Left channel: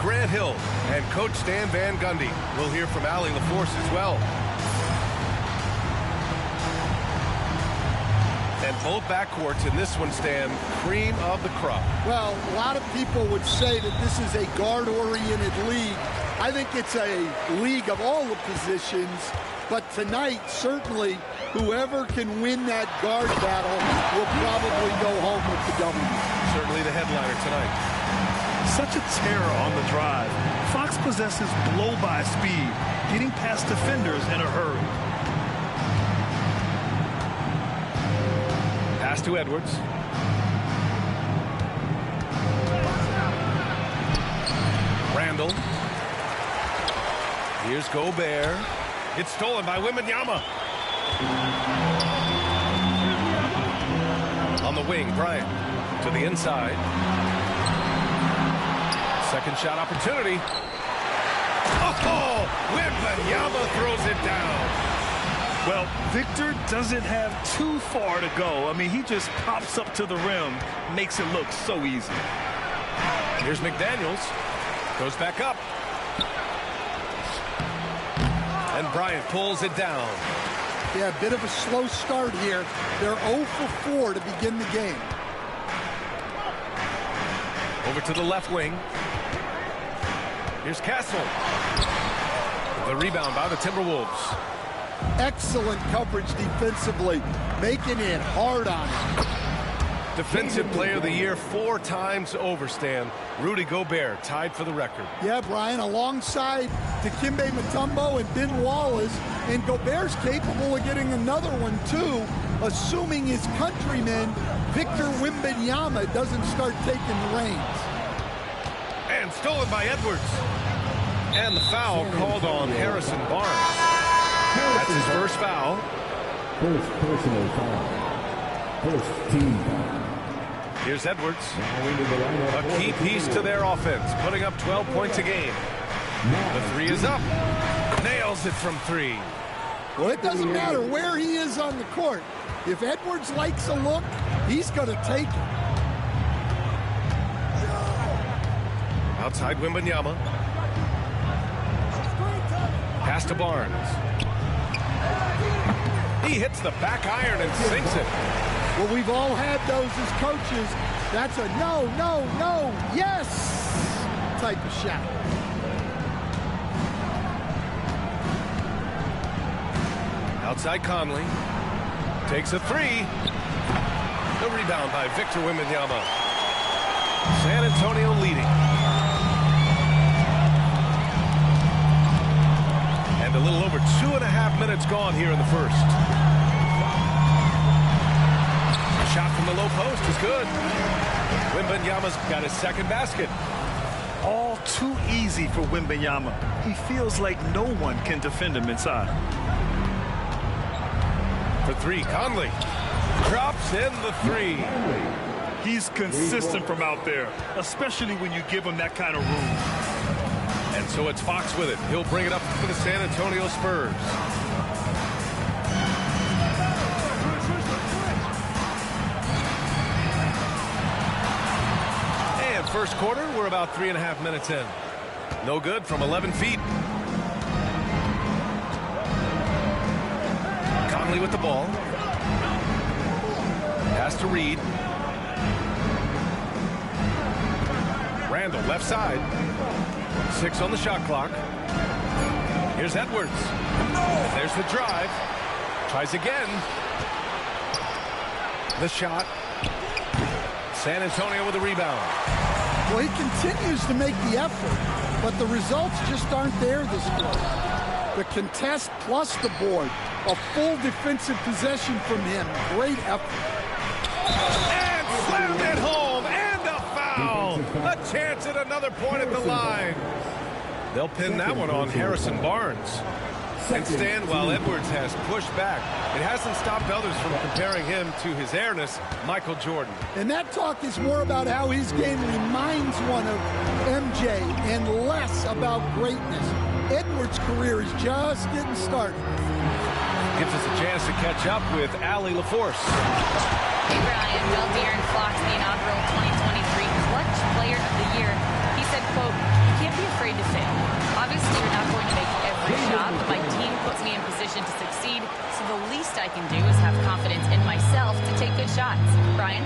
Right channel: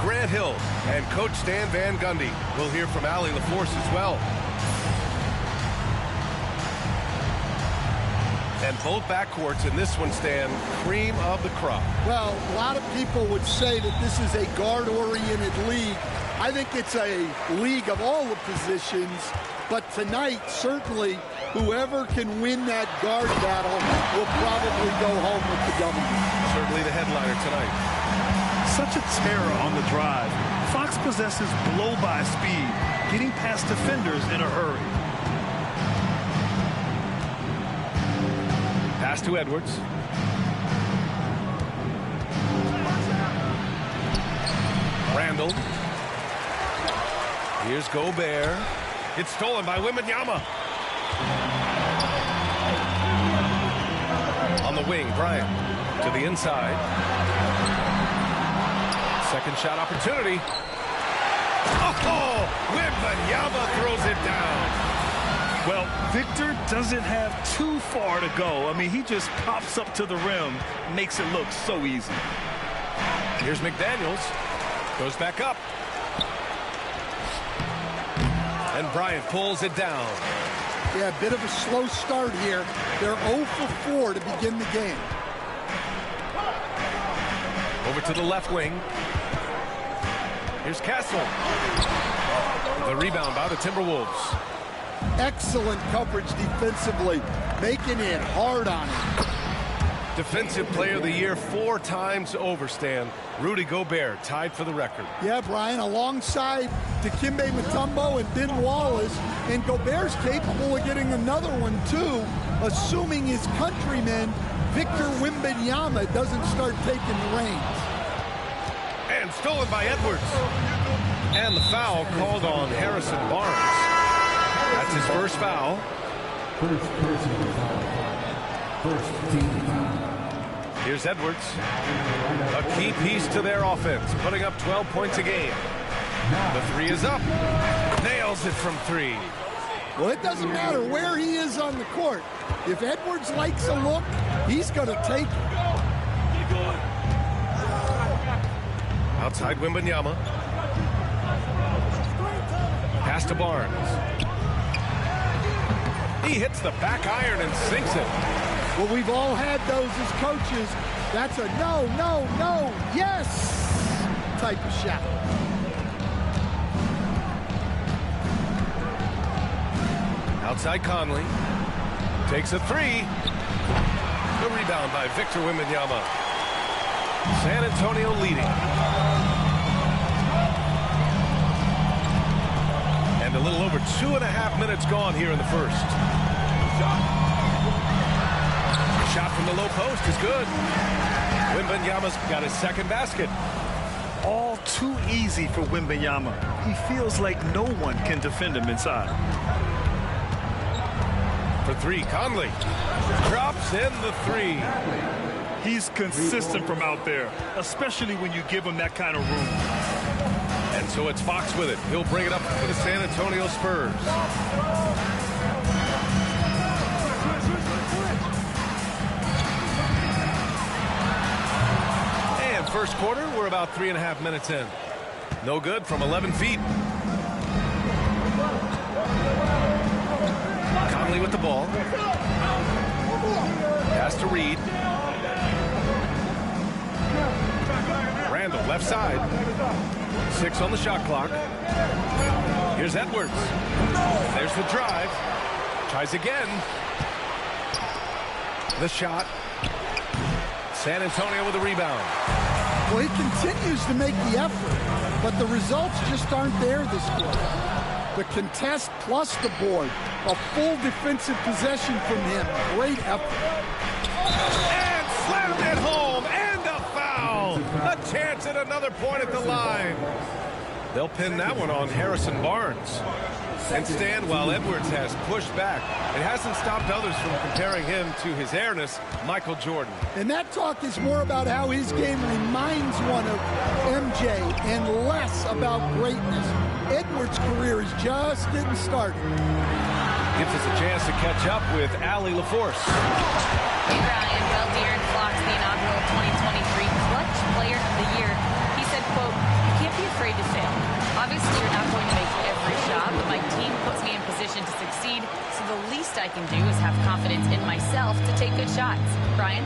Grant Hill and Coach Stan Van Gundy. We'll hear from Allie LaForce as well. And both backcourts in this one, Stan, cream of the crop. Well, a lot of people would say that this is a guard-oriented league. I think it's a league of all the positions. But tonight, certainly, whoever can win that guard battle will probably go home with the W. Certainly the headliner tonight. Such a terror on the drive. Fox possesses blow-by speed, getting past defenders in a hurry. Pass to Edwards. Randall. Here's Gobert. It's stolen by Wembanyama. On the wing, Bryant to the inside. Second shot opportunity. Oh, Wembanyama throws it down. Well, Victor doesn't have too far to go. I mean, he just pops up to the rim, makes it look so easy. Here's McDaniels. Goes back up. And Bryant pulls it down. Yeah, a bit of a slow start here. They're 0 for 4 to begin the game. Over to the left wing. Here's Castle. The rebound by the Timberwolves. Excellent coverage defensively, making it hard on him. Defensive Player of the Year 4 times over, Stan. Rudy Gobert tied for the record. Yeah, Brian, alongside Dikembe Mutombo and Ben Wallace, and Gobert's capable of getting another one too, assuming his countryman Victor Wembanyama doesn't start taking the reins. And stolen by Edwards. And the foul called on Harrison Barnes. That's his first foul. First personal foul. First team foul. Here's Edwards. A key piece to their offense, putting up 12 points a game. The three is up. Nails it from 3. Well, it doesn't matter where he is on the court. If Edwards likes a look, he's going to take it. Outside Wembanyama. Pass to Barnes. He hits the back iron and sinks it. Well, we've all had those as coaches. That's a no, no, no, yes type of shot. Outside Conley. Takes a 3. The rebound by Victor Wembanyama. San Antonio leading. And a little over 2.5 minutes gone here in the first. Shot from the low post is good. Wembanyama's got his second basket. All too easy for Wembanyama. He feels like no one can defend him inside. For 3, Conley drops in the 3. He's consistent from out there, especially when you give him that kind of room. And so it's Fox with it. He'll bring it up for the San Antonio Spurs. And first quarter, we're about 3.5 minutes in. No good from 11 feet. Conley with the ball. Pass to Reed. Randall left side. 6 on the shot clock. Here's Edwards. There's the drive. Tries again. The shot. San Antonio with a rebound. Well, he continues to make the effort, but the results just aren't there this quarter. The contest plus the board. A full defensive possession from him. Great effort. And slammed it home. And a foul. A chance at another point at the line. They'll pin that one on Harrison Barnes. And Stan, while Edwards has pushed back, it hasn't stopped others from comparing him to his airness, Michael Jordan. And that talk is more about how his game reminds one of MJ and less about greatness. Edwards' career is just getting started. Gives us a chance to catch up with Allie LaForce. Hey, Brian. Well, De'Aaron Fox, the inaugural 2023 Clutch Player of the Year. He said, quote, "You can't be afraid to fail. Obviously, you're not going to make every shot, but my team puts me in position to succeed, so the least I can do is have confidence in myself to take good shots." Brian?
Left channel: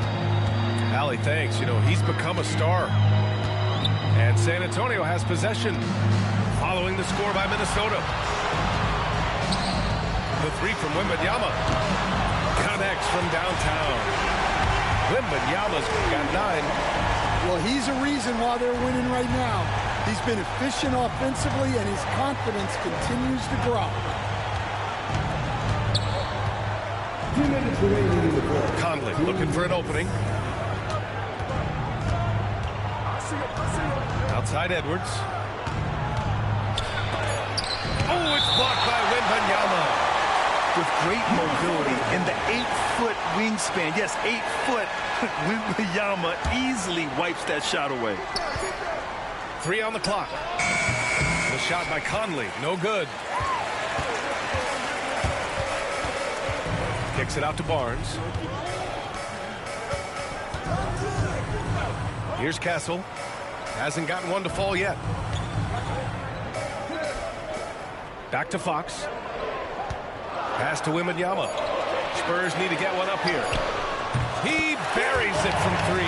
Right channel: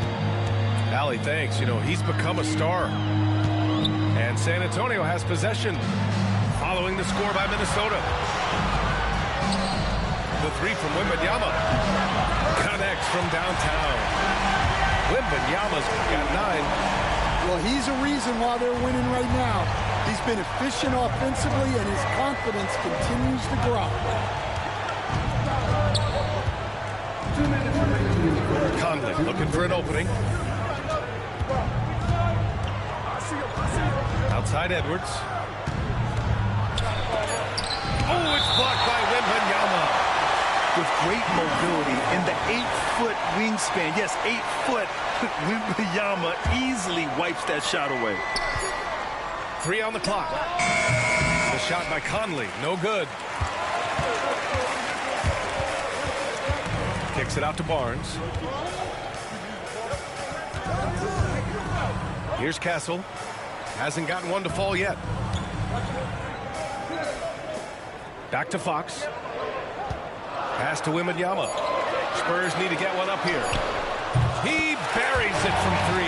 Allie, thanks. You know, he's become a star. And San Antonio has possession following the score by Minnesota. The three from Wembanyama connects from downtown. Wembanyama's got 9. Well, he's a reason why they're winning right now. He's been efficient offensively, and his confidence continues to grow. Conley looking for an opening. Outside Edwards. Oh, it's blocked by Wembanyama. With great mobility in the 8-foot wingspan. Yes, 8 foot. Wembanyama easily wipes that shot away. 3 on the clock. The shot by Conley, no good. Kicks it out to Barnes. Here's Castle. Hasn't gotten one to fall yet. Back to Fox. Pass to Wembanyama. Spurs need to get one up here. He buries it from 3.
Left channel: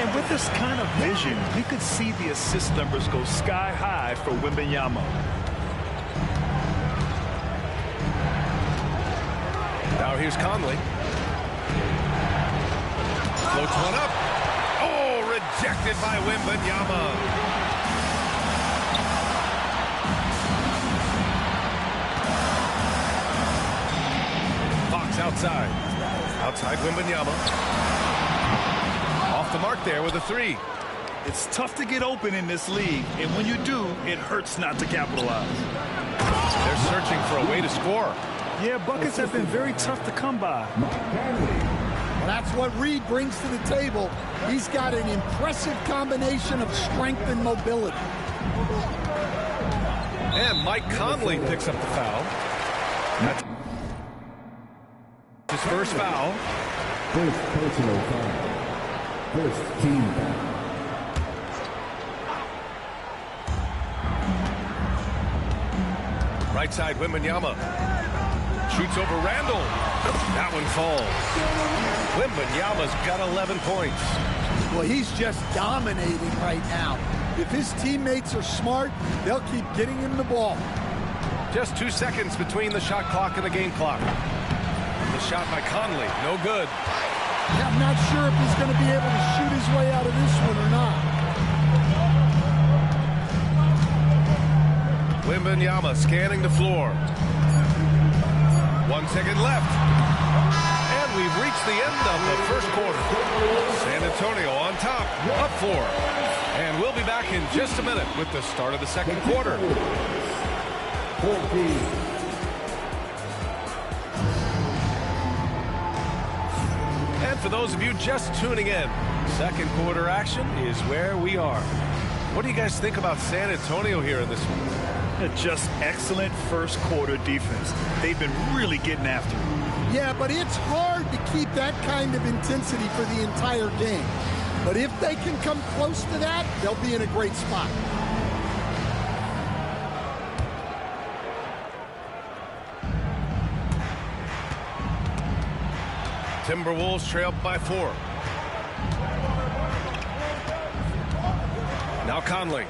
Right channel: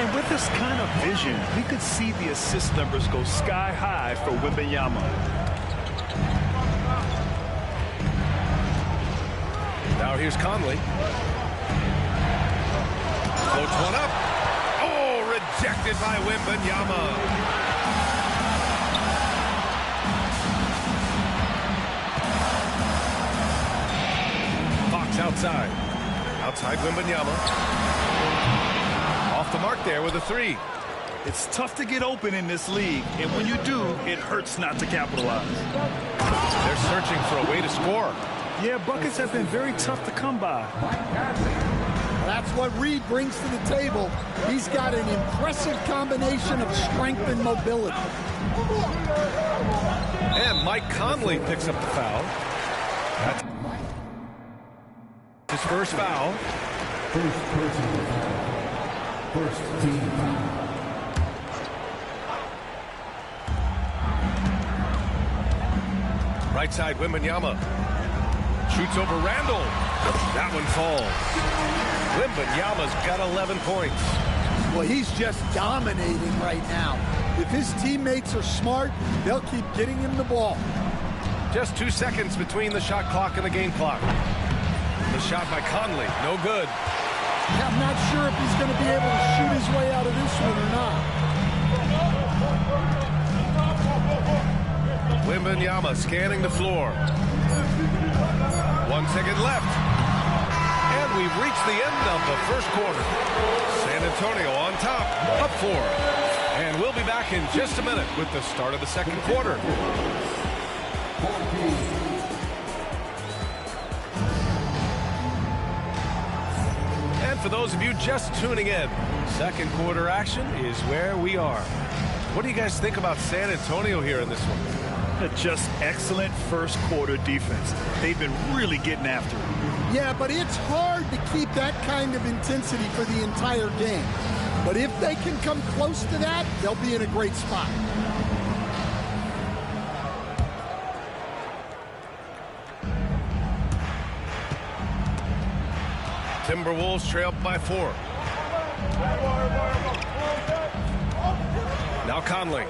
And with this kind of vision, we could see the assist numbers go sky high for Wembanyama. Now here's Conley. Floats one up. Oh, rejected by Wembanyama. Fox outside. Outside Wembanyama. Off the mark there with a 3. It's tough to get open in this league, and when you do, it hurts not to capitalize. They're searching for a way to score. Yeah, buckets have been very tough to come by. Well, that's what Reed brings to the table. He's got an impressive combination of strength and mobility. And Mike Conley picks up the foul. That's his first foul. First personal foul. First team foul. Right side, Wembanyama. Shoots over Randall. That one falls. Wembanyama's got 11 points. Well, he's just dominating right now. If his teammates are smart, they'll keep getting him the ball. Just 2 seconds between the shot clock and the game clock. The shot by Conley, no good. Yeah, I'm not sure if he's going to be able to shoot his way out of this one or not. Wembanyama scanning the floor. 1 second left. And we've reached the end of the first quarter. San Antonio on top, up 4. And we'll be back in just a minute with the start of the second quarter. 14. And for those of you just tuning in, second quarter action is where we are. What do you guys think about San Antonio here in this one? Just excellent first quarter defense. They've been really getting after it. Yeah, but it's hard to keep that kind of intensity for the entire game. But if they can come close to that, they'll be in a great spot. Timberwolves trail by 4. Now Conley.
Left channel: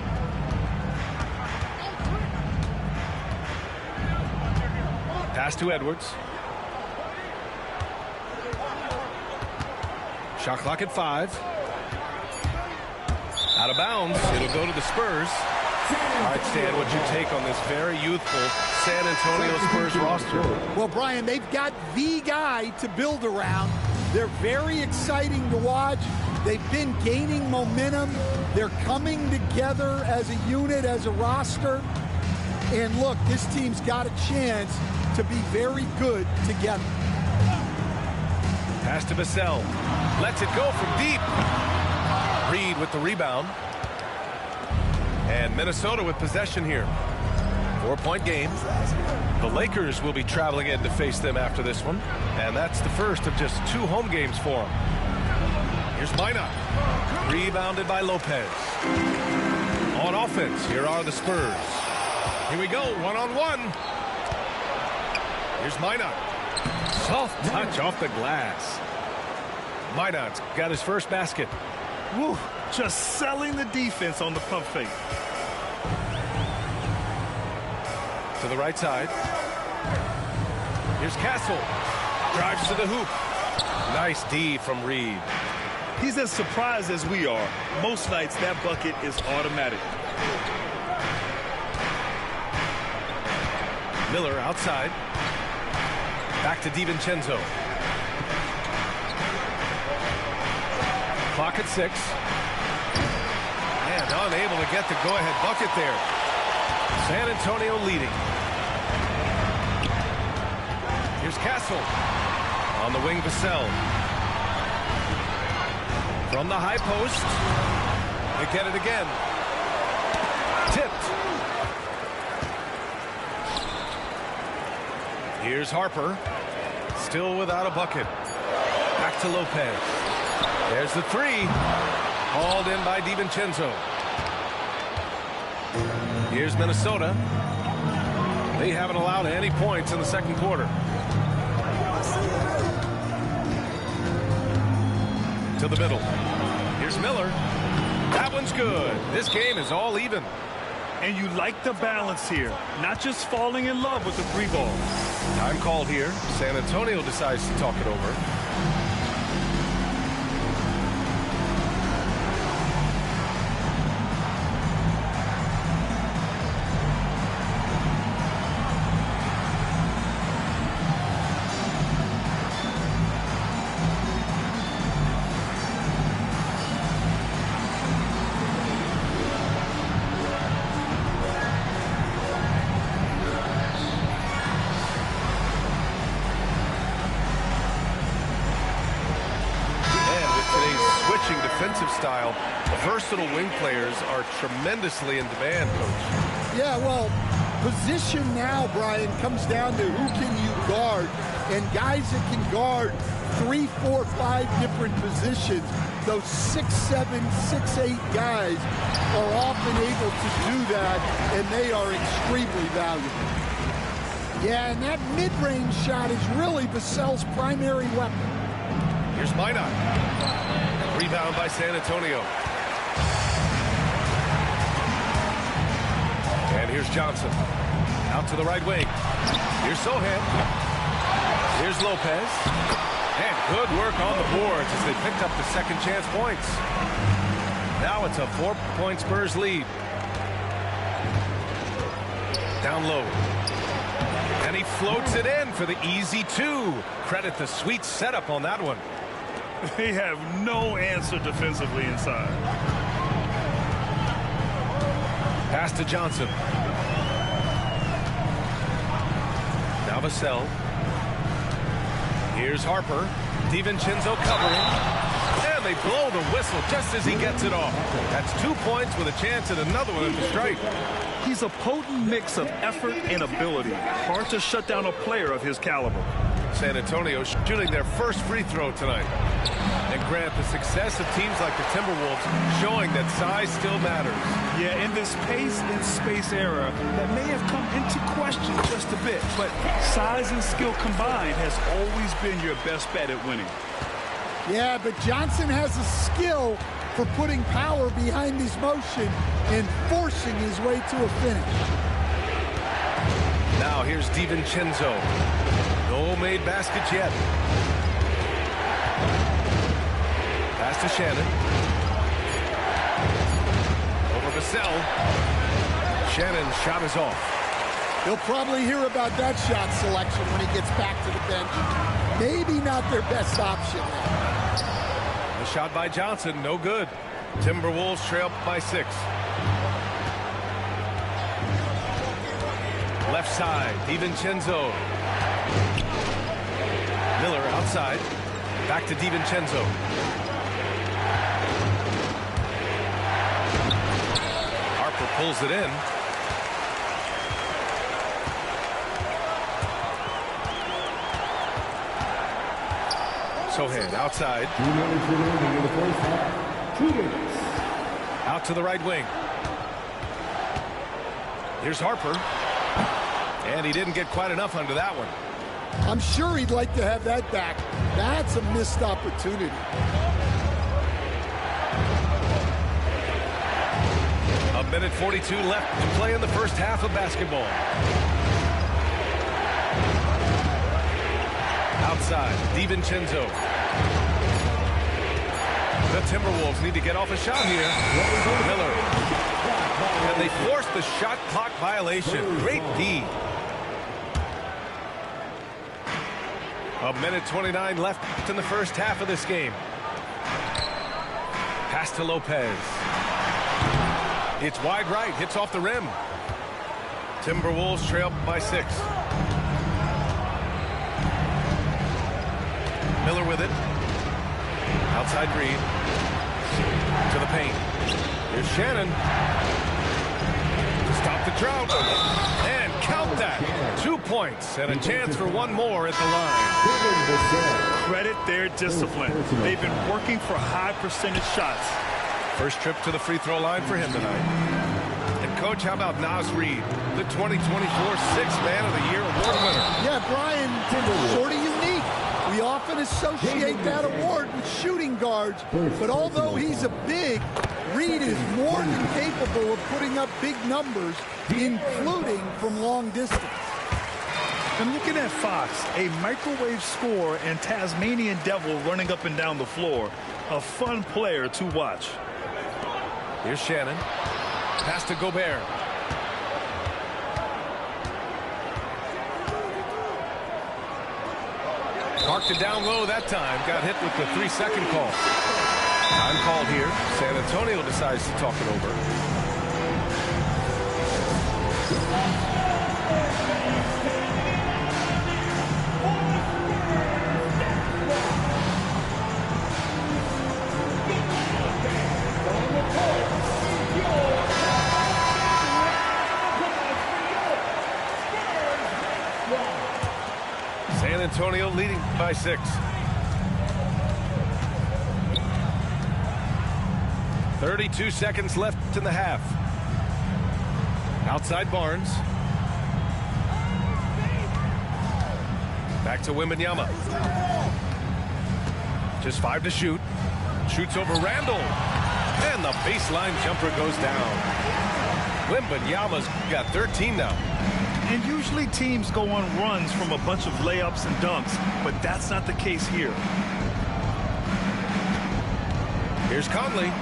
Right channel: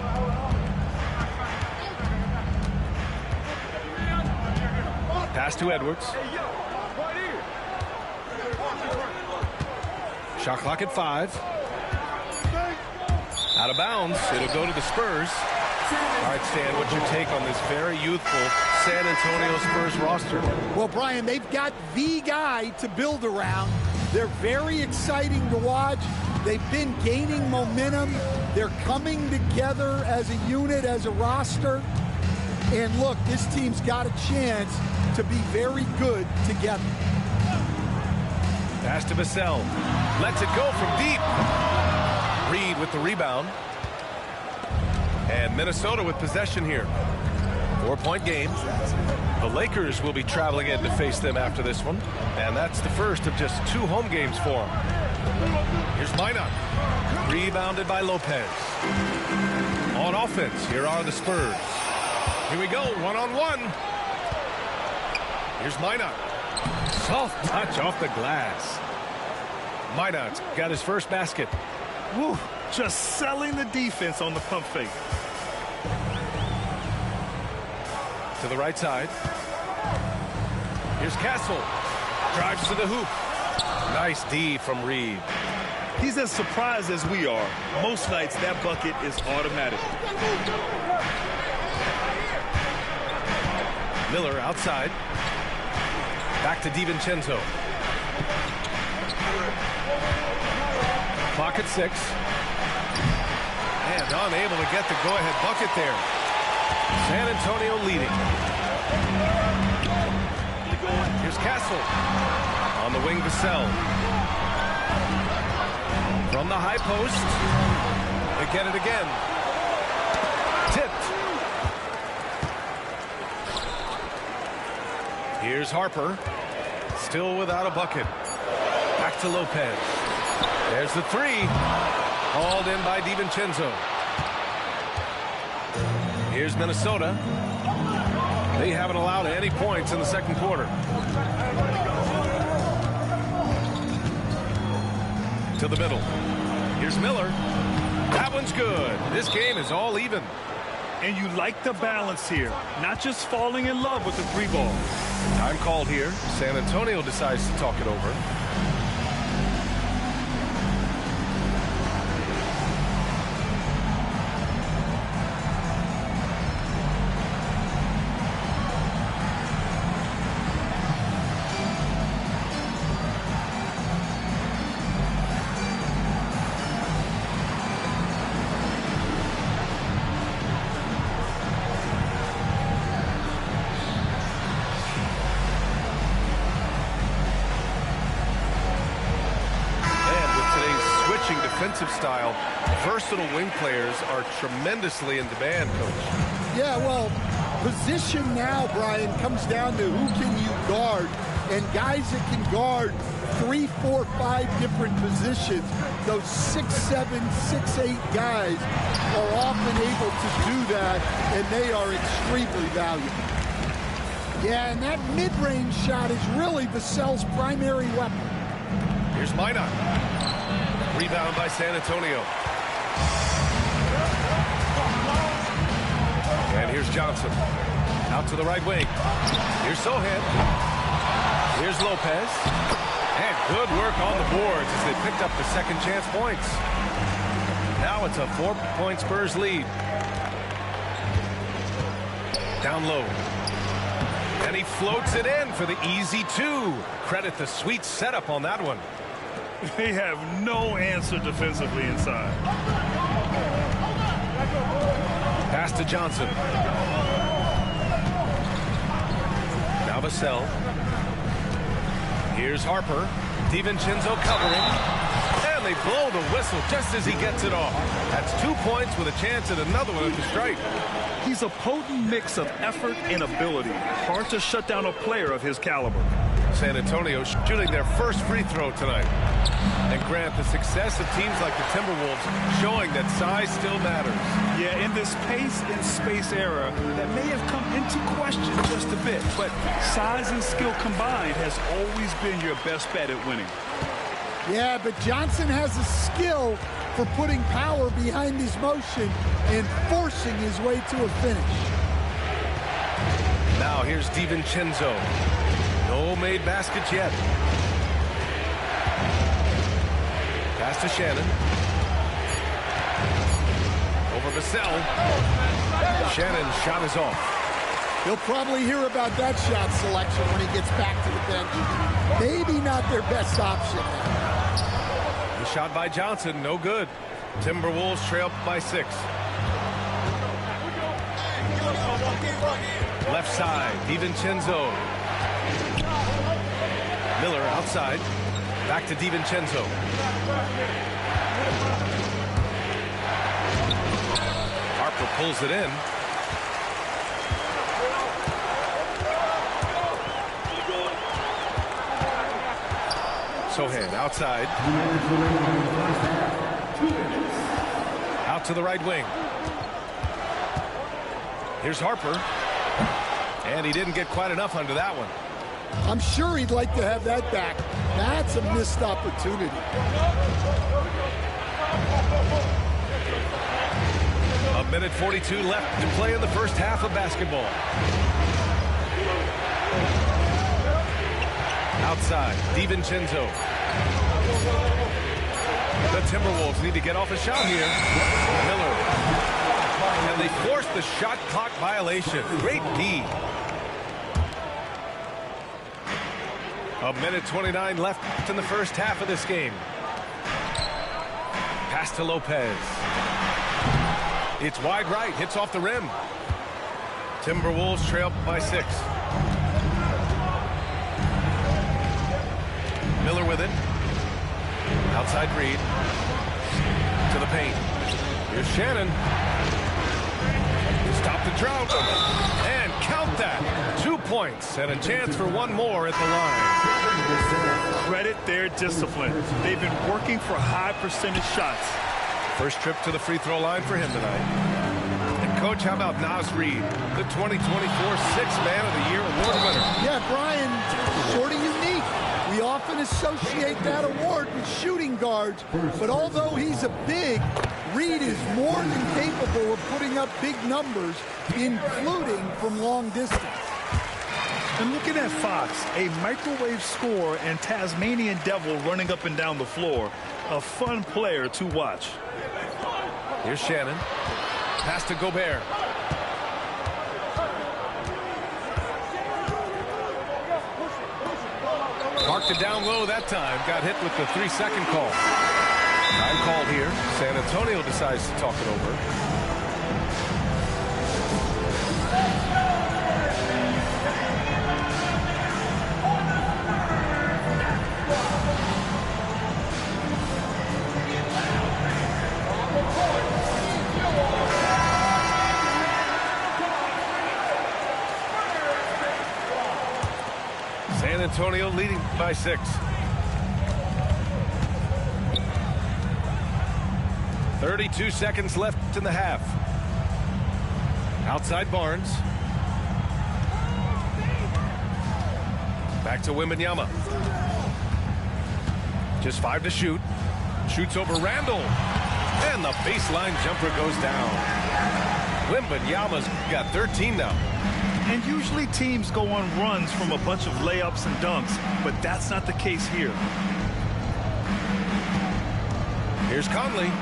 Pass to Edwards. Shot clock at 5. Out of bounds. It'll go to the Spurs. All right, Stan, what's your take on this very youthful San Antonio Spurs roster? Well, Brian, they've got the guy to build around. They're very exciting to watch. They've been gaining momentum. They're coming together as a unit, as a roster. And look, this team's got a chance to be very good together. Pass to Vassell. Lets it go from deep. Reed with the rebound. And Minnesota with possession here. 4-point game. The Lakers will be traveling in to face them after this one. And that's the first of just 2 home games for them. Here's Minot. Rebounded by Lopez. On offense, here are the Spurs. Here we go, one-on-one. Here's Minot. Soft touch off the glass. Minot's got his first basket. Woo, just selling the defense on the pump fake. To the right side. Here's Castle. Drives to the hoop. Nice D from Reed. He's as surprised as we are. Most nights that bucket is automatic. Miller outside. Back to DiVincenzo. Clock at 6. And unable to get the go-ahead bucket there. San Antonio leading. Here's Castle. On the wing, Vassell. From the high post. They get it again. Tipped. Here's Harper. Still without a bucket. Back to Lopez. There's the three. Hauled in by DiVincenzo. Here's Minnesota. They haven't allowed any points in the second quarter. To the middle. Here's Miller. That one's good. This game is all even. And you like the balance here. Not just falling in love with the three ball. Time called here. San Antonio decides to talk it over. Switching defensive style, versatile wing players are tremendously in demand, Coach. Yeah, well, position now, Brian, comes down to who can you guard, and guys that can guard 3, 4, 5 different positions. Those 6'7", 6'8" guys are often able to do that, and they are extremely valuable. Yeah, and that mid-range shot is really Vassell's primary weapon. Here's Minot. Rebound by San Antonio. And here's Johnson. Out to the right wing. Here's Sohan. Here's Lopez. And good work on the boards as they picked up the second chance points. Now it's a 4-point Spurs lead. Down low. And he floats it in for the easy 2. Credit the sweet setup on that one. They have no answer defensively inside. Pass to Johnson. Now Vassell. Here's Harper. DiVincenzo covering. And they blow the whistle just as he gets it off. That's 2 points with a chance at another one at the stripe. He's a potent mix of effort and ability. Hard to shut down a player of his caliber. San Antonio shooting their first free throw tonight. And Grant, the success of teams like the Timberwolves showing that size still matters. Yeah, in this pace and space era, that may have come into question just a bit. But size and skill combined has always been your best bet at winning. Yeah, but Johnson has a skill for putting power behind his motion and forcing his way to a finish. Now here's DiVincenzo. No made baskets yet. Pass to Shannon. Over Vassell. Shannon's shot is off. He'll probably hear about that shot selection when he gets back to the bench. Maybe not their best option now. The shot by Johnson, no good. Timberwolves trail by 6. Left side, DiVincenzo. Miller outside. Back to DiVincenzo. Harper pulls it in. Sohan outside. 2 minutes remaining in the first half. 2 minutes. Out to the right wing. Here's Harper. And he didn't get quite enough under that one. I'm sure he'd like to have that back. That's a missed opportunity. A minute 42 left to play in the first half of basketball. Outside, DiVincenzo. The Timberwolves need to get off a shot here. Miller. And they force the shot clock violation. Great D. A minute 29 left in the first half of this game. Pass to Lopez. It's wide right, hits off the rim. Timberwolves trail by 6. Miller with it. Outside Reed. To the paint. Here's Shannon. Stop the drought. And count that. 2 points and a chance for one more at the line. Credit their discipline. They've been working for high percentage shots. First trip to the free throw line for him tonight. And Coach, how about Naz Reid, the 2024 Sixth Man of the Year award winner? Yeah, Brian, sort of unique. We often associate that award with shooting guards, but although he's a big, Reid is more than capable of putting up big numbers, including from long distance. And looking at Fox, a microwave scorer and Tasmanian Devil running up and down the floor. A fun player to watch. Here's Shannon. Pass to Gobert. Parked it down low that time. Got hit with the 3-second call. Time called here. San Antonio decides to talk it over. San Antonio leading by 6. 32 seconds left in the half. Outside Barnes. Back to Wembanyama. Just 5 to shoot. Shoots over Randall. And the baseline jumper goes down. Wembanyama's got 13 now. And usually teams go on runs from a bunch of layups and dunks, but that's not the case here. Here's Conley.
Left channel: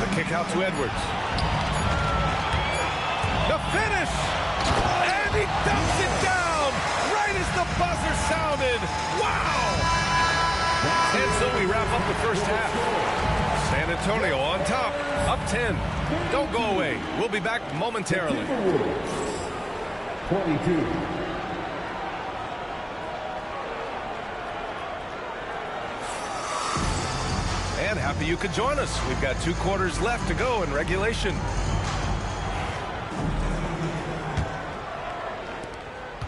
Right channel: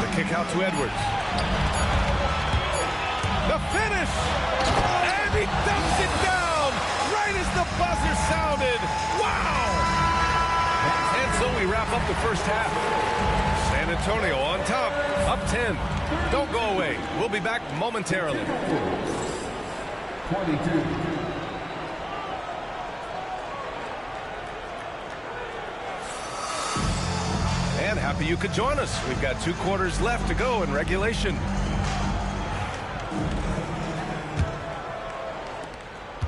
The kick out to Edwards. The finish! And he dumps it down right as the buzzer sounded. Wow! And so we wrap up the first half. San Antonio on top, up 10. Don't go away. We'll be back momentarily. 22. And happy you could join us. We've got 2 quarters left to go in regulation.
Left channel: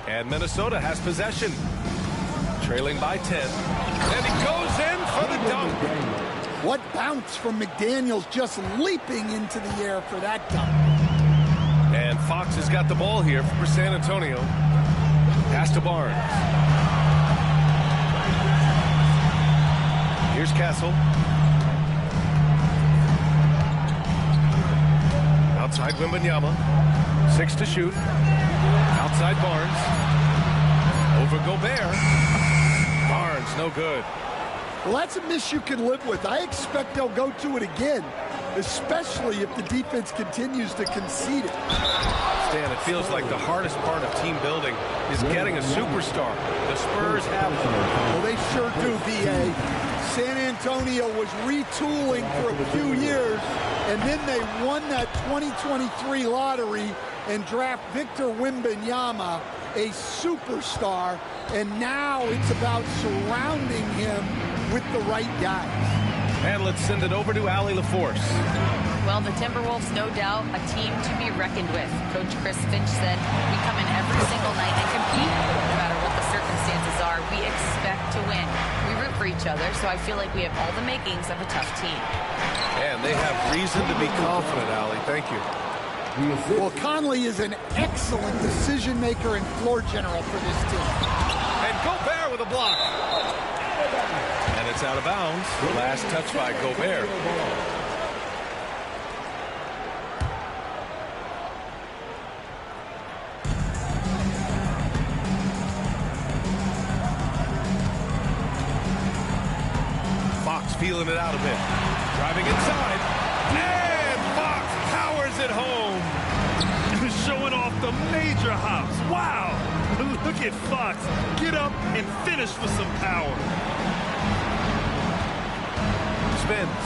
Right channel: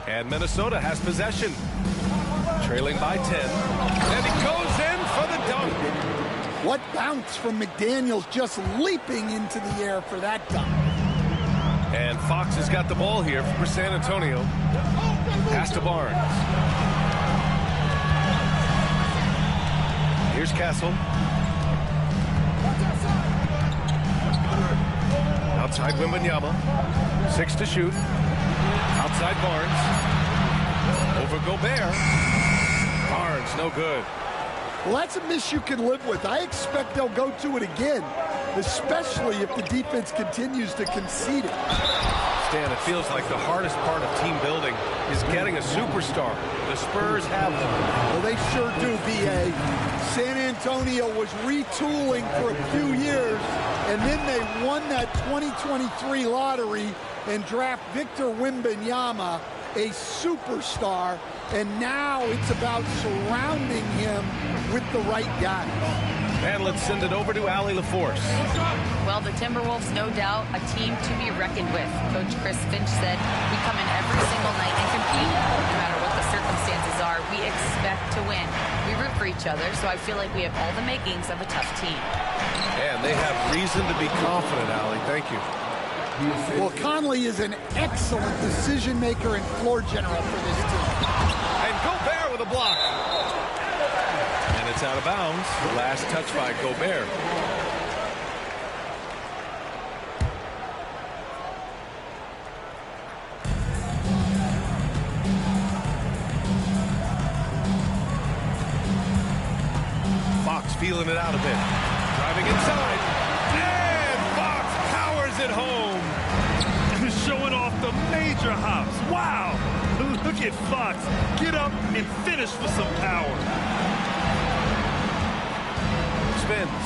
And Minnesota has possession. Trailing by 10. And he goes in for the dunk. What bounce from McDaniels, just leaping into the air for that dunk. And Fox has got the ball here for San Antonio. Pass to Barnes. Here's Castle. Outside Wembanyama. 6 to shoot. Outside Barnes. Over Gobert. Barnes, no good. Well, that's a miss you can live with. I expect they'll go to it again, especially if the defense continues to concede it. Stan, it feels like the hardest part of team building is getting a superstar. The Spurs have them. Well, they sure do, B.A. San Antonio was retooling for a few years, and then they won that 2023 lottery and draft Victor Wembanyama, a superstar, and now it's about surrounding him with the right guys. And let's send it over to Allie LaForce. Well, the Timberwolves, no doubt, a team to be reckoned with. Coach Chris Finch said, we come in every single night and compete. No matter what the circumstances are, we expect to win. We root for each other, so I feel like we have all the makings of a tough team. And they have reason to be confident, Allie. Thank you. Well, Conley is an excellent decision maker and floor general for this team. And Gobert with a block. And it's out of bounds. Last touch by Gobert. Fox feeling it out a bit. Driving inside. And Fox powers it home. Showing off the major hops. Wow. Look at Fox. Get up and finish with some power. Spins.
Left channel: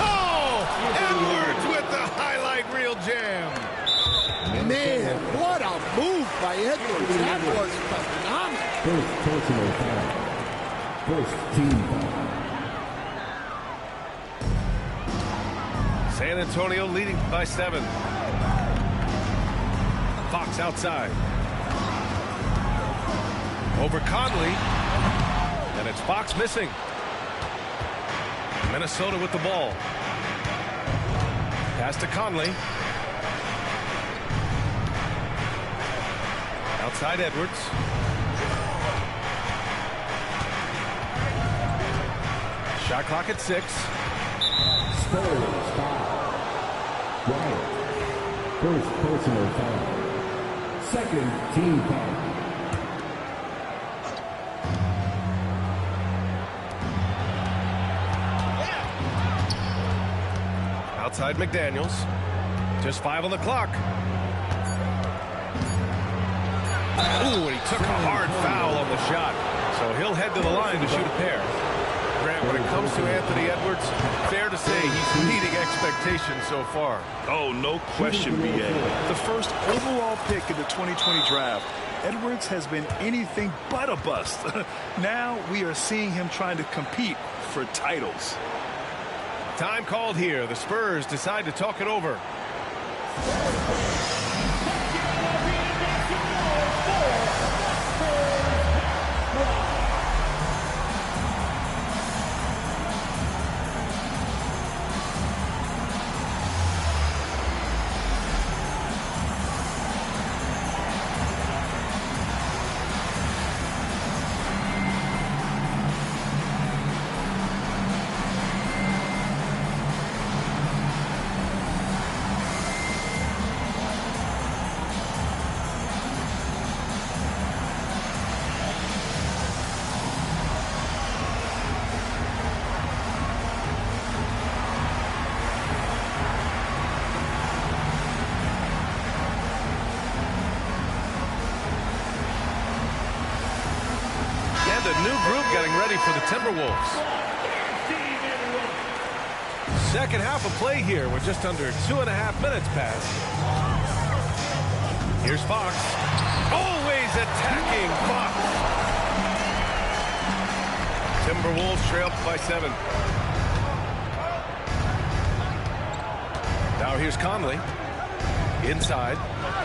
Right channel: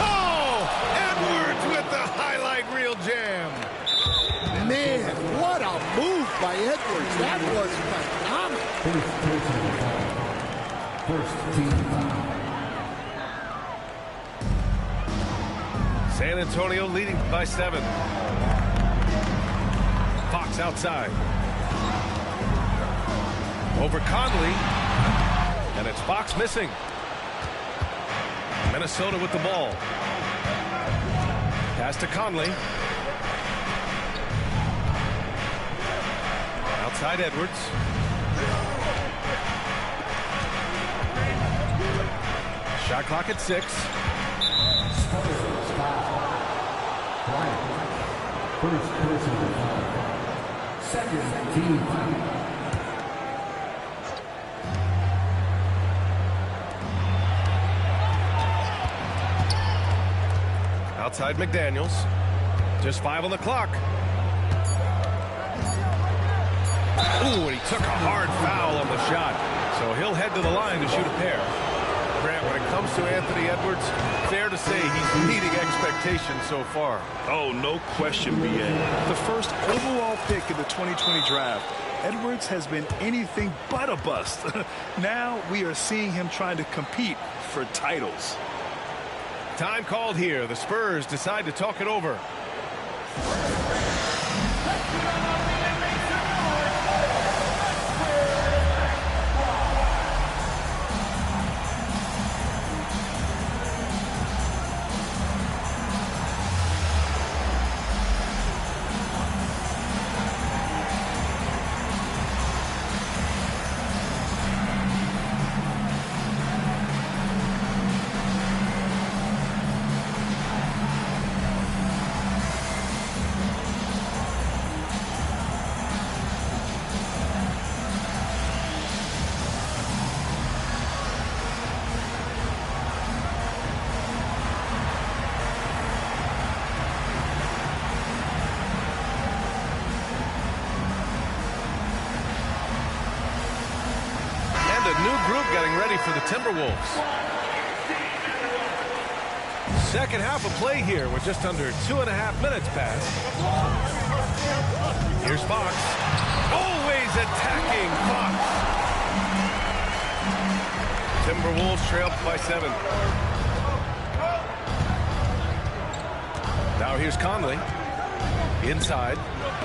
Oh! Edwards with the highlight reel jam. Man, what a move by Edwards. That was phenomenal. First personal foul. First team foul. San Antonio leading by 7. Fox outside. Over Conley. And it's Fox missing. Minnesota with the ball. Pass to Conley. Outside Edwards. Shot clock at 6. Spurs foul. Bryant. First personal foul. Second team foul. Outside McDaniels. Just 5 on the clock. Ooh, and he took a hard foul on the shot. So he'll head to the line to shoot a pair. Grant, when it comes to Anthony Edwards, fair to say he's meeting expectations so far. Oh, no question, B.A. The first overall pick in the 2020 draft, Edwards has been anything but a bust. Now we are seeing him trying to compete for titles. Time called here. The Spurs decide to talk it over. A new group getting ready for the Timberwolves. Second half of play here with just under 2.5 minutes passed. Here's Fox. Always attacking Fox. Timberwolves trailed by 7. Now here's Conley. Inside.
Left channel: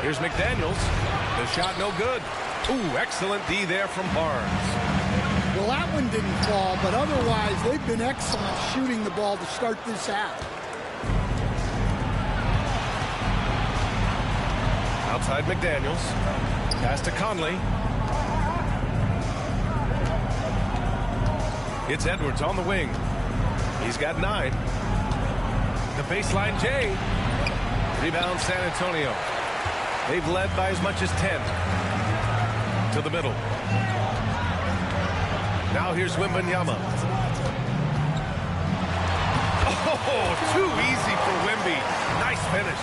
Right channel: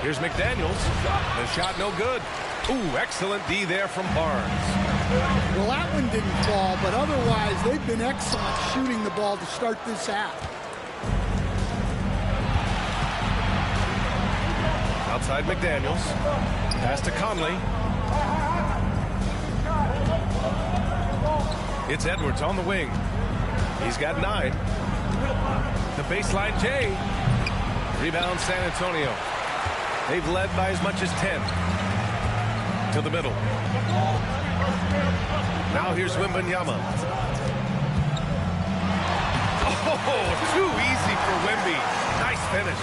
Here's McDaniels. The shot no good. Ooh, excellent D there from Barnes. Well, that one didn't fall, but otherwise they've been excellent shooting the ball to start this half. Outside McDaniels. Pass to Conley. It's Edwards on the wing. He's got 9. The baseline J. Rebound San Antonio. They've led by as much as 10. To the middle. Now here's Wembanyama. Oh, too easy for Wemby. Nice finish.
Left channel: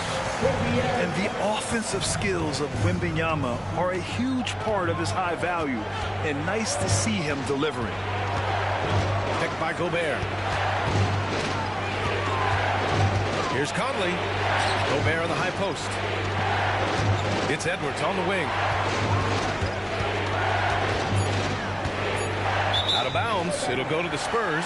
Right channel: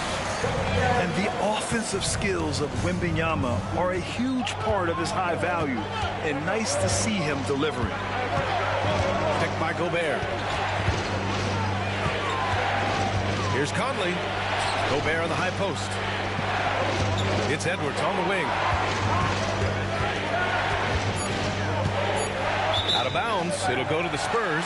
And the offensive skills of Wembanyama are a huge part of his high value, and nice to see him delivering. Picked by Gobert. Here's Conley. Gobert on the high post. It's Edwards on the wing. Out of bounds. It'll go to the Spurs.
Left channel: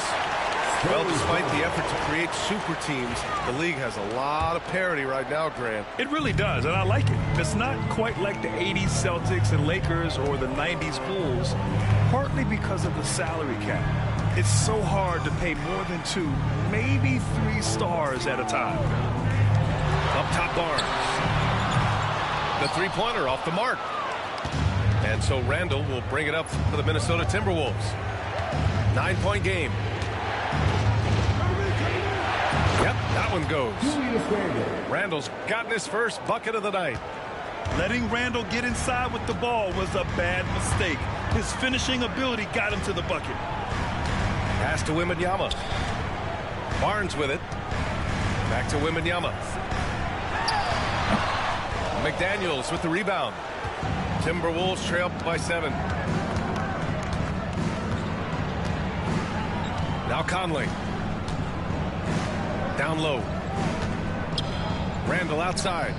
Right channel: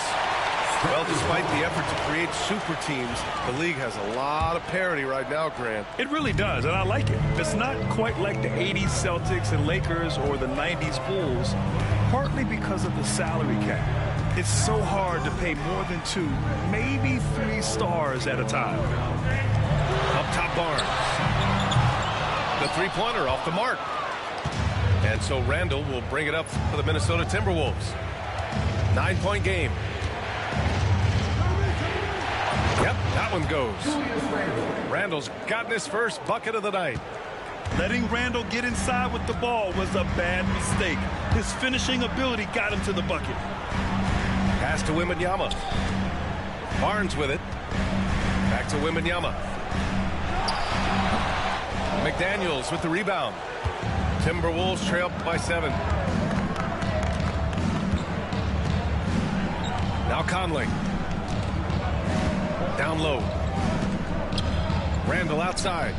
Well, despite the effort to create super teams, the league has a lot of parity right now, Grant. It really does, and I like it. It's not quite like the 80s Celtics and Lakers or the 90s Bulls, partly because of the salary cap. It's so hard to pay more than 2, maybe 3 stars at a time. Up top, Barnes. The three-pointer off the mark. And so Randall will bring it up for the Minnesota Timberwolves. 9-point game. Yep, that one goes. Randall's gotten his first bucket of the night. Letting Randall get inside with the ball was a bad mistake. His finishing ability got him to the bucket. Pass to Wembanyama. Barnes with it. Back to Wembanyama. McDaniels with the rebound. Timberwolves trail by 7. Now Conley. Down low. Randall outside.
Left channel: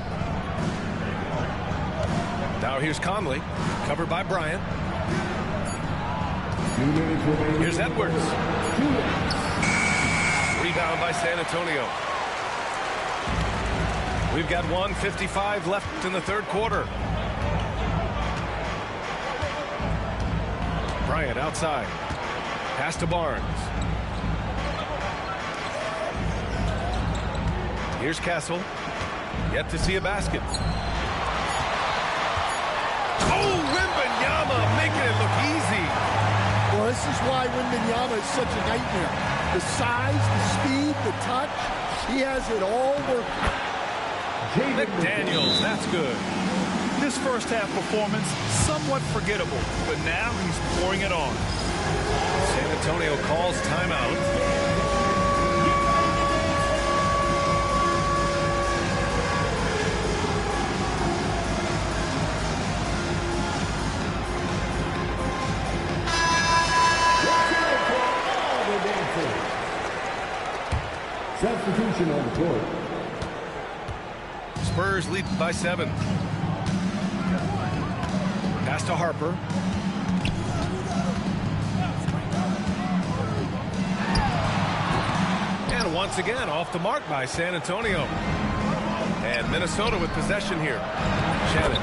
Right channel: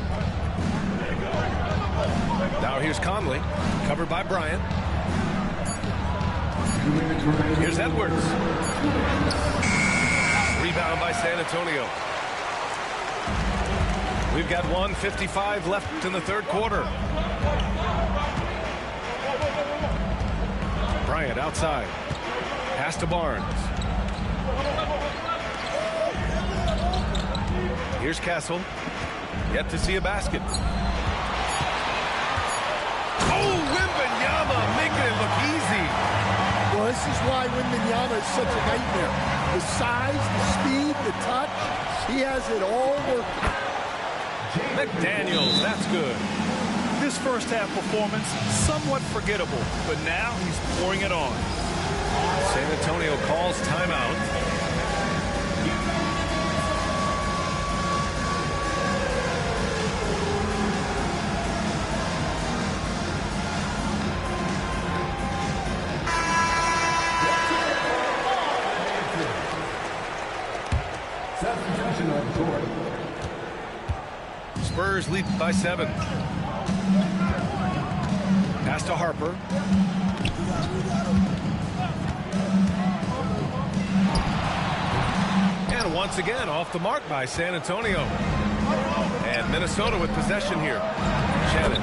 Now here's Conley. Covered by Bryant. Here's Edwards. Rebound by San Antonio. We've got 1:55 left in the third quarter. Bryant outside. Pass to Barnes. Here's Castle. Yet to see a basket. Oh, Wembanyama making it look easy. Well, this is why Wembanyama is such a nightmare. The size, the speed, the touch. He has it all working. McDaniels, that's good. This first half performance, somewhat forgettable, but now he's pouring it on. San Antonio calls timeout. Substitution on the court. Spurs lead by 7. Pass to Harper. And once again off the mark by San Antonio. And Minnesota with possession here. Shannon.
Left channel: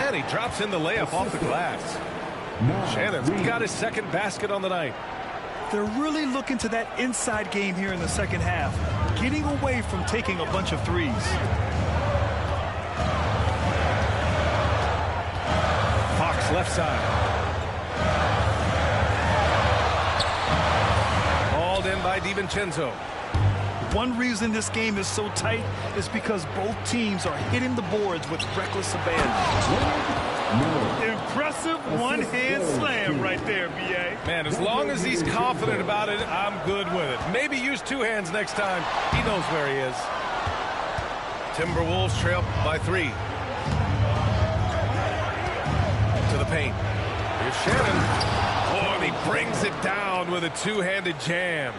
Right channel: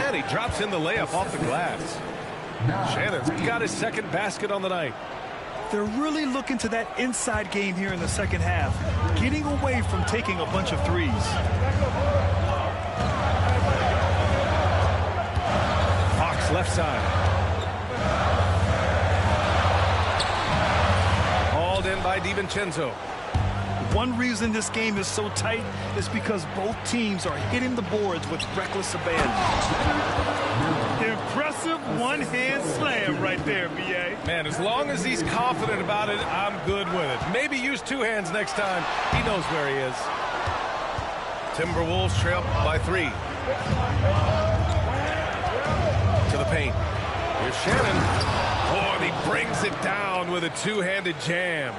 And he drops in the layup off the glass. Shannon's got his second basket on the night. They're really looking to that inside game here in the second half, getting away from taking a bunch of threes. Fox left side. Hauled in by DiVincenzo. One reason this game is so tight is because both teams are hitting the boards with reckless abandon. Impressive one-hand slam right there, B.A. Man, as long as he's confident about it, I'm good with it. Maybe use 2 hands next time. He knows where he is. Timberwolves trail by 3. To the paint. Here's Shannon. Oh, and he brings it down with a 2-handed jam.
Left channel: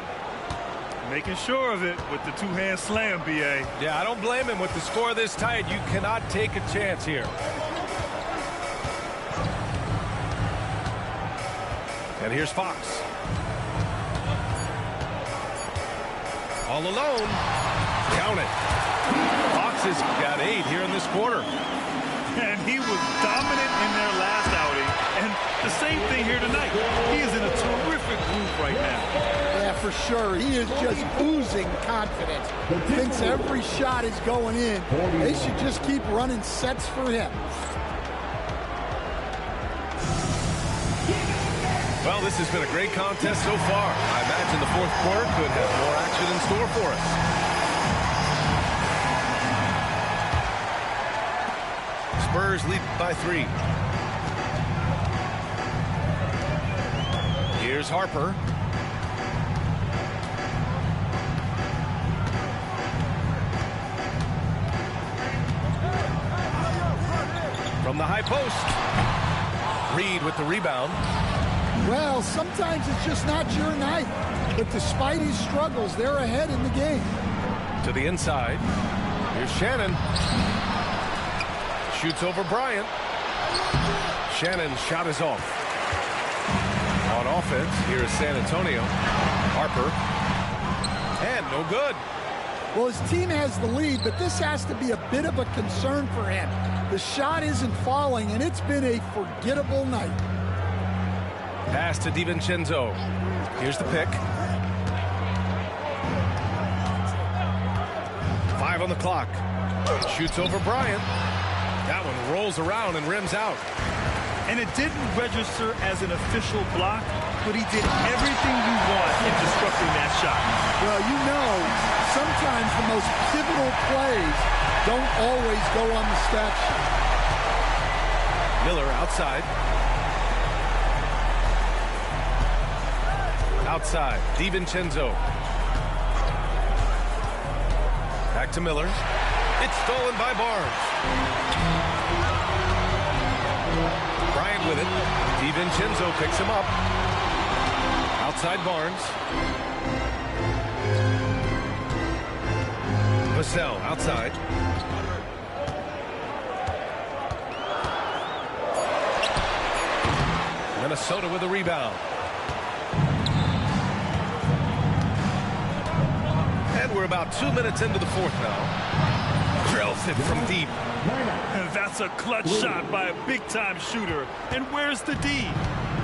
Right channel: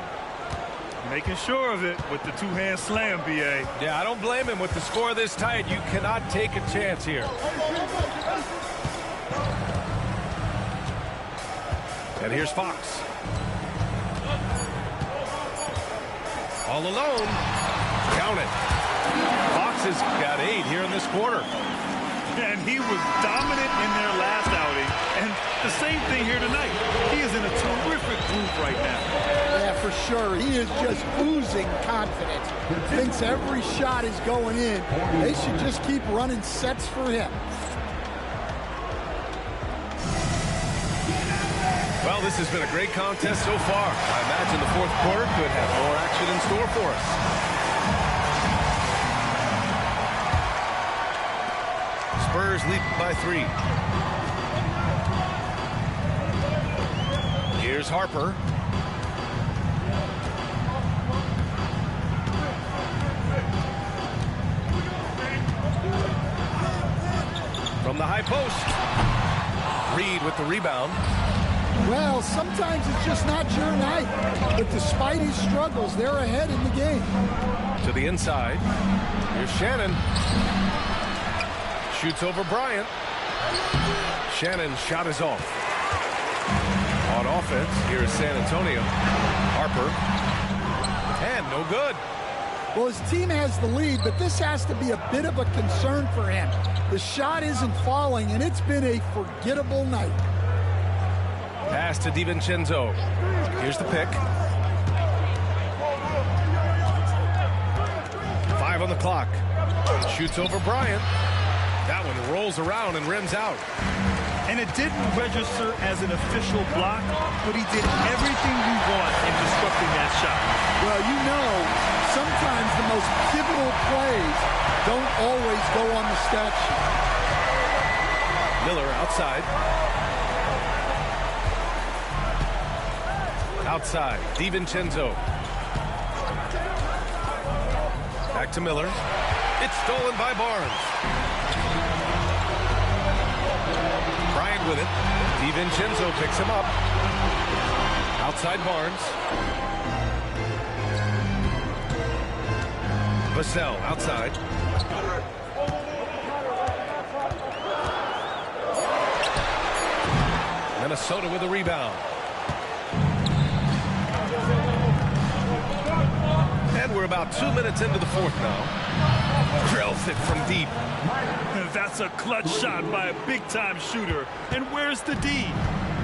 Making sure of it with the 2-hand slam, B.A. Yeah, I don't blame him. With the score this tight, you cannot take a chance here. And here's Fox. All alone. Count it. Fox has got 8 here in this quarter. And he was dominant in their last outing. And the same thing here tonight. He is in a terrific groove right now. Yeah, for sure. He is just oozing confidence. Thinks every shot is going in. They should just keep running sets for him. Well, this has been a great contest so far. I imagine the fourth quarter could have more action in store for us. Spurs lead by 3. Here's Harper. From the high post. Reed with the rebound. Well, sometimes it's just not your night. But despite his struggles, they're ahead in the game. To the inside. Here's Shannon. Shoots over Bryant. Shannon's shot is off. On offense, here is San Antonio. Harper. And no good. Well, his team has the lead, but this has to be a bit of a concern for him. The shot isn't falling, and it's been a forgettable night. Pass to DiVincenzo. Here's the pick. 5 5 on the clock. Shoots over Bryant. That one rolls around and rims out. And it didn't register as an official block, but he did everything you want in disrupting that shot. Well, you know, sometimes the most pivotal plays don't always go on the stat sheet. Miller outside. Outside, DiVincenzo. Back to Miller. It's stolen by Barnes. Bryant with it. DiVincenzo picks him up. Outside Barnes. Vassell outside. Minnesota with a rebound. And we're about 2 minutes into the fourth now. Drills it from deep. That's a clutch shot by a big-time shooter. And where's the D?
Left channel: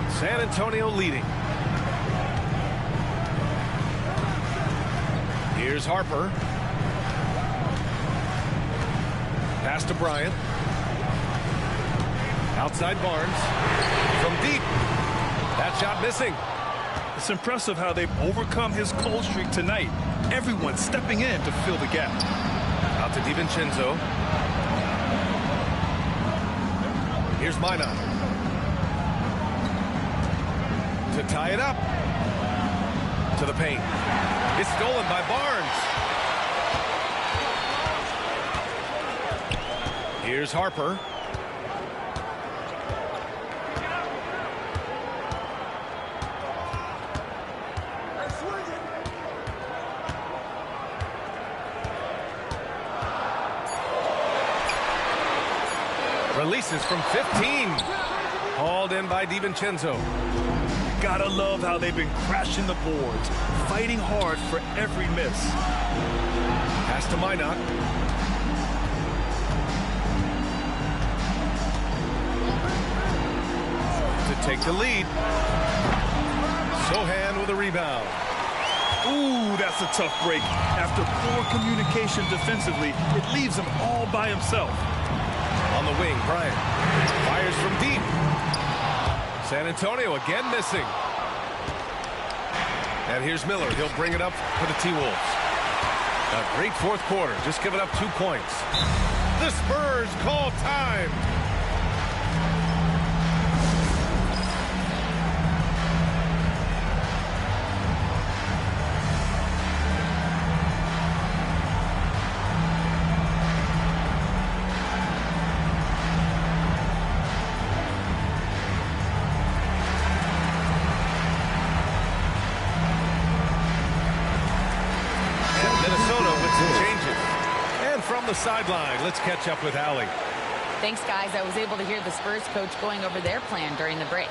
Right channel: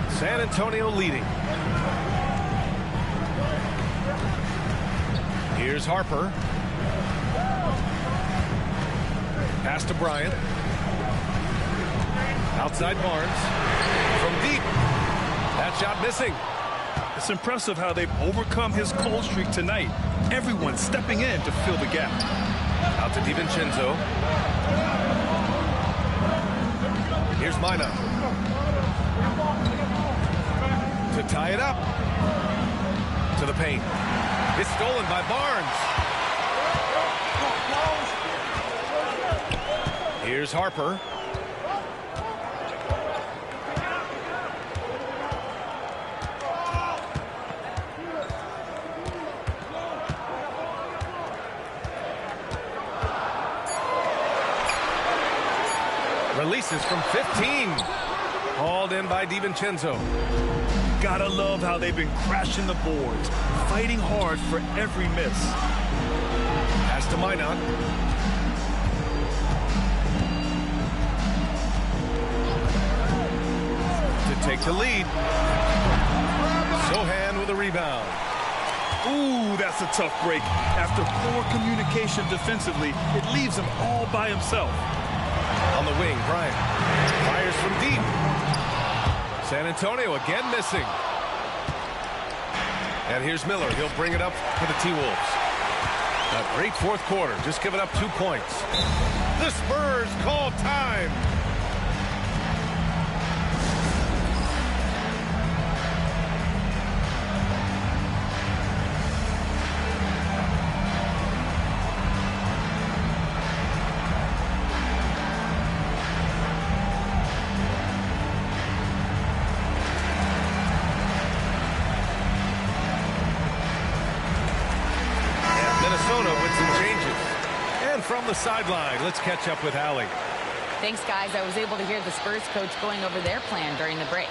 San Antonio leading. Here's Harper. Pass to Bryant. Outside Barnes. From deep. That shot missing. It's impressive how they've overcome his cold streak tonight. Everyone stepping in to fill the gap. Out to DiVincenzo. Here's Minot. To tie it up. To the paint. It's stolen by Barnes. Here's Harper. Releases from 15. Hauled in by DiVincenzo. Gotta love how they've been crashing the boards, fighting hard for every miss. Pass to Minot. To take the lead. Sochan with a rebound. Ooh, that's a tough break. After poor communication defensively, it leaves him all by himself. On the wing, Bryant fires from deep. San Antonio again missing. And here's Miller. He'll bring it up for the T-Wolves. A great fourth quarter, just giving up 2 points. The Spurs call time. Minnesota with some changes. And from the sideline, let's catch up with Allie. Thanks, guys. I was able to hear the Spurs coach going over their plan during the break.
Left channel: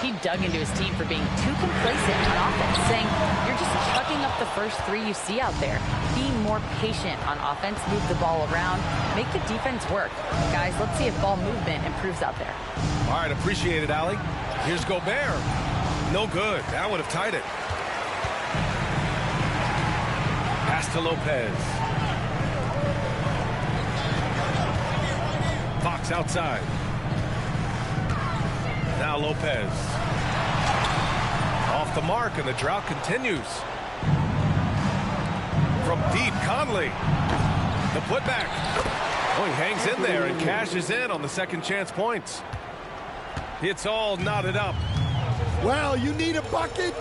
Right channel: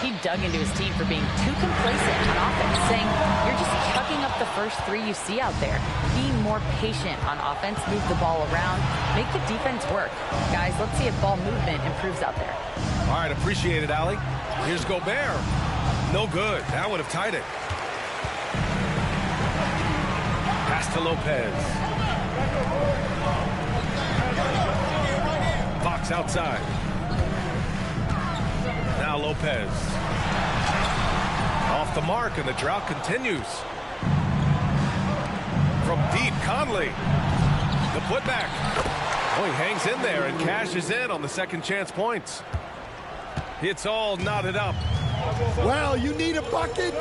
He dug into his team for being too complacent on offense, saying, you're just chucking up the first 3 you see out there. Be more patient on offense, move the ball around, make the defense work. Guys, let's see if ball movement improves out there. All right, appreciate it, Allie. Here's Gobert. No good. That would have tied it. Pass to Lopez. Fox outside. Now Lopez. Off the mark, and the drought continues. From deep, Conley. The putback. Oh, he hangs in there and cashes in on the second chance points. It's all knotted up. Well, you need a bucket?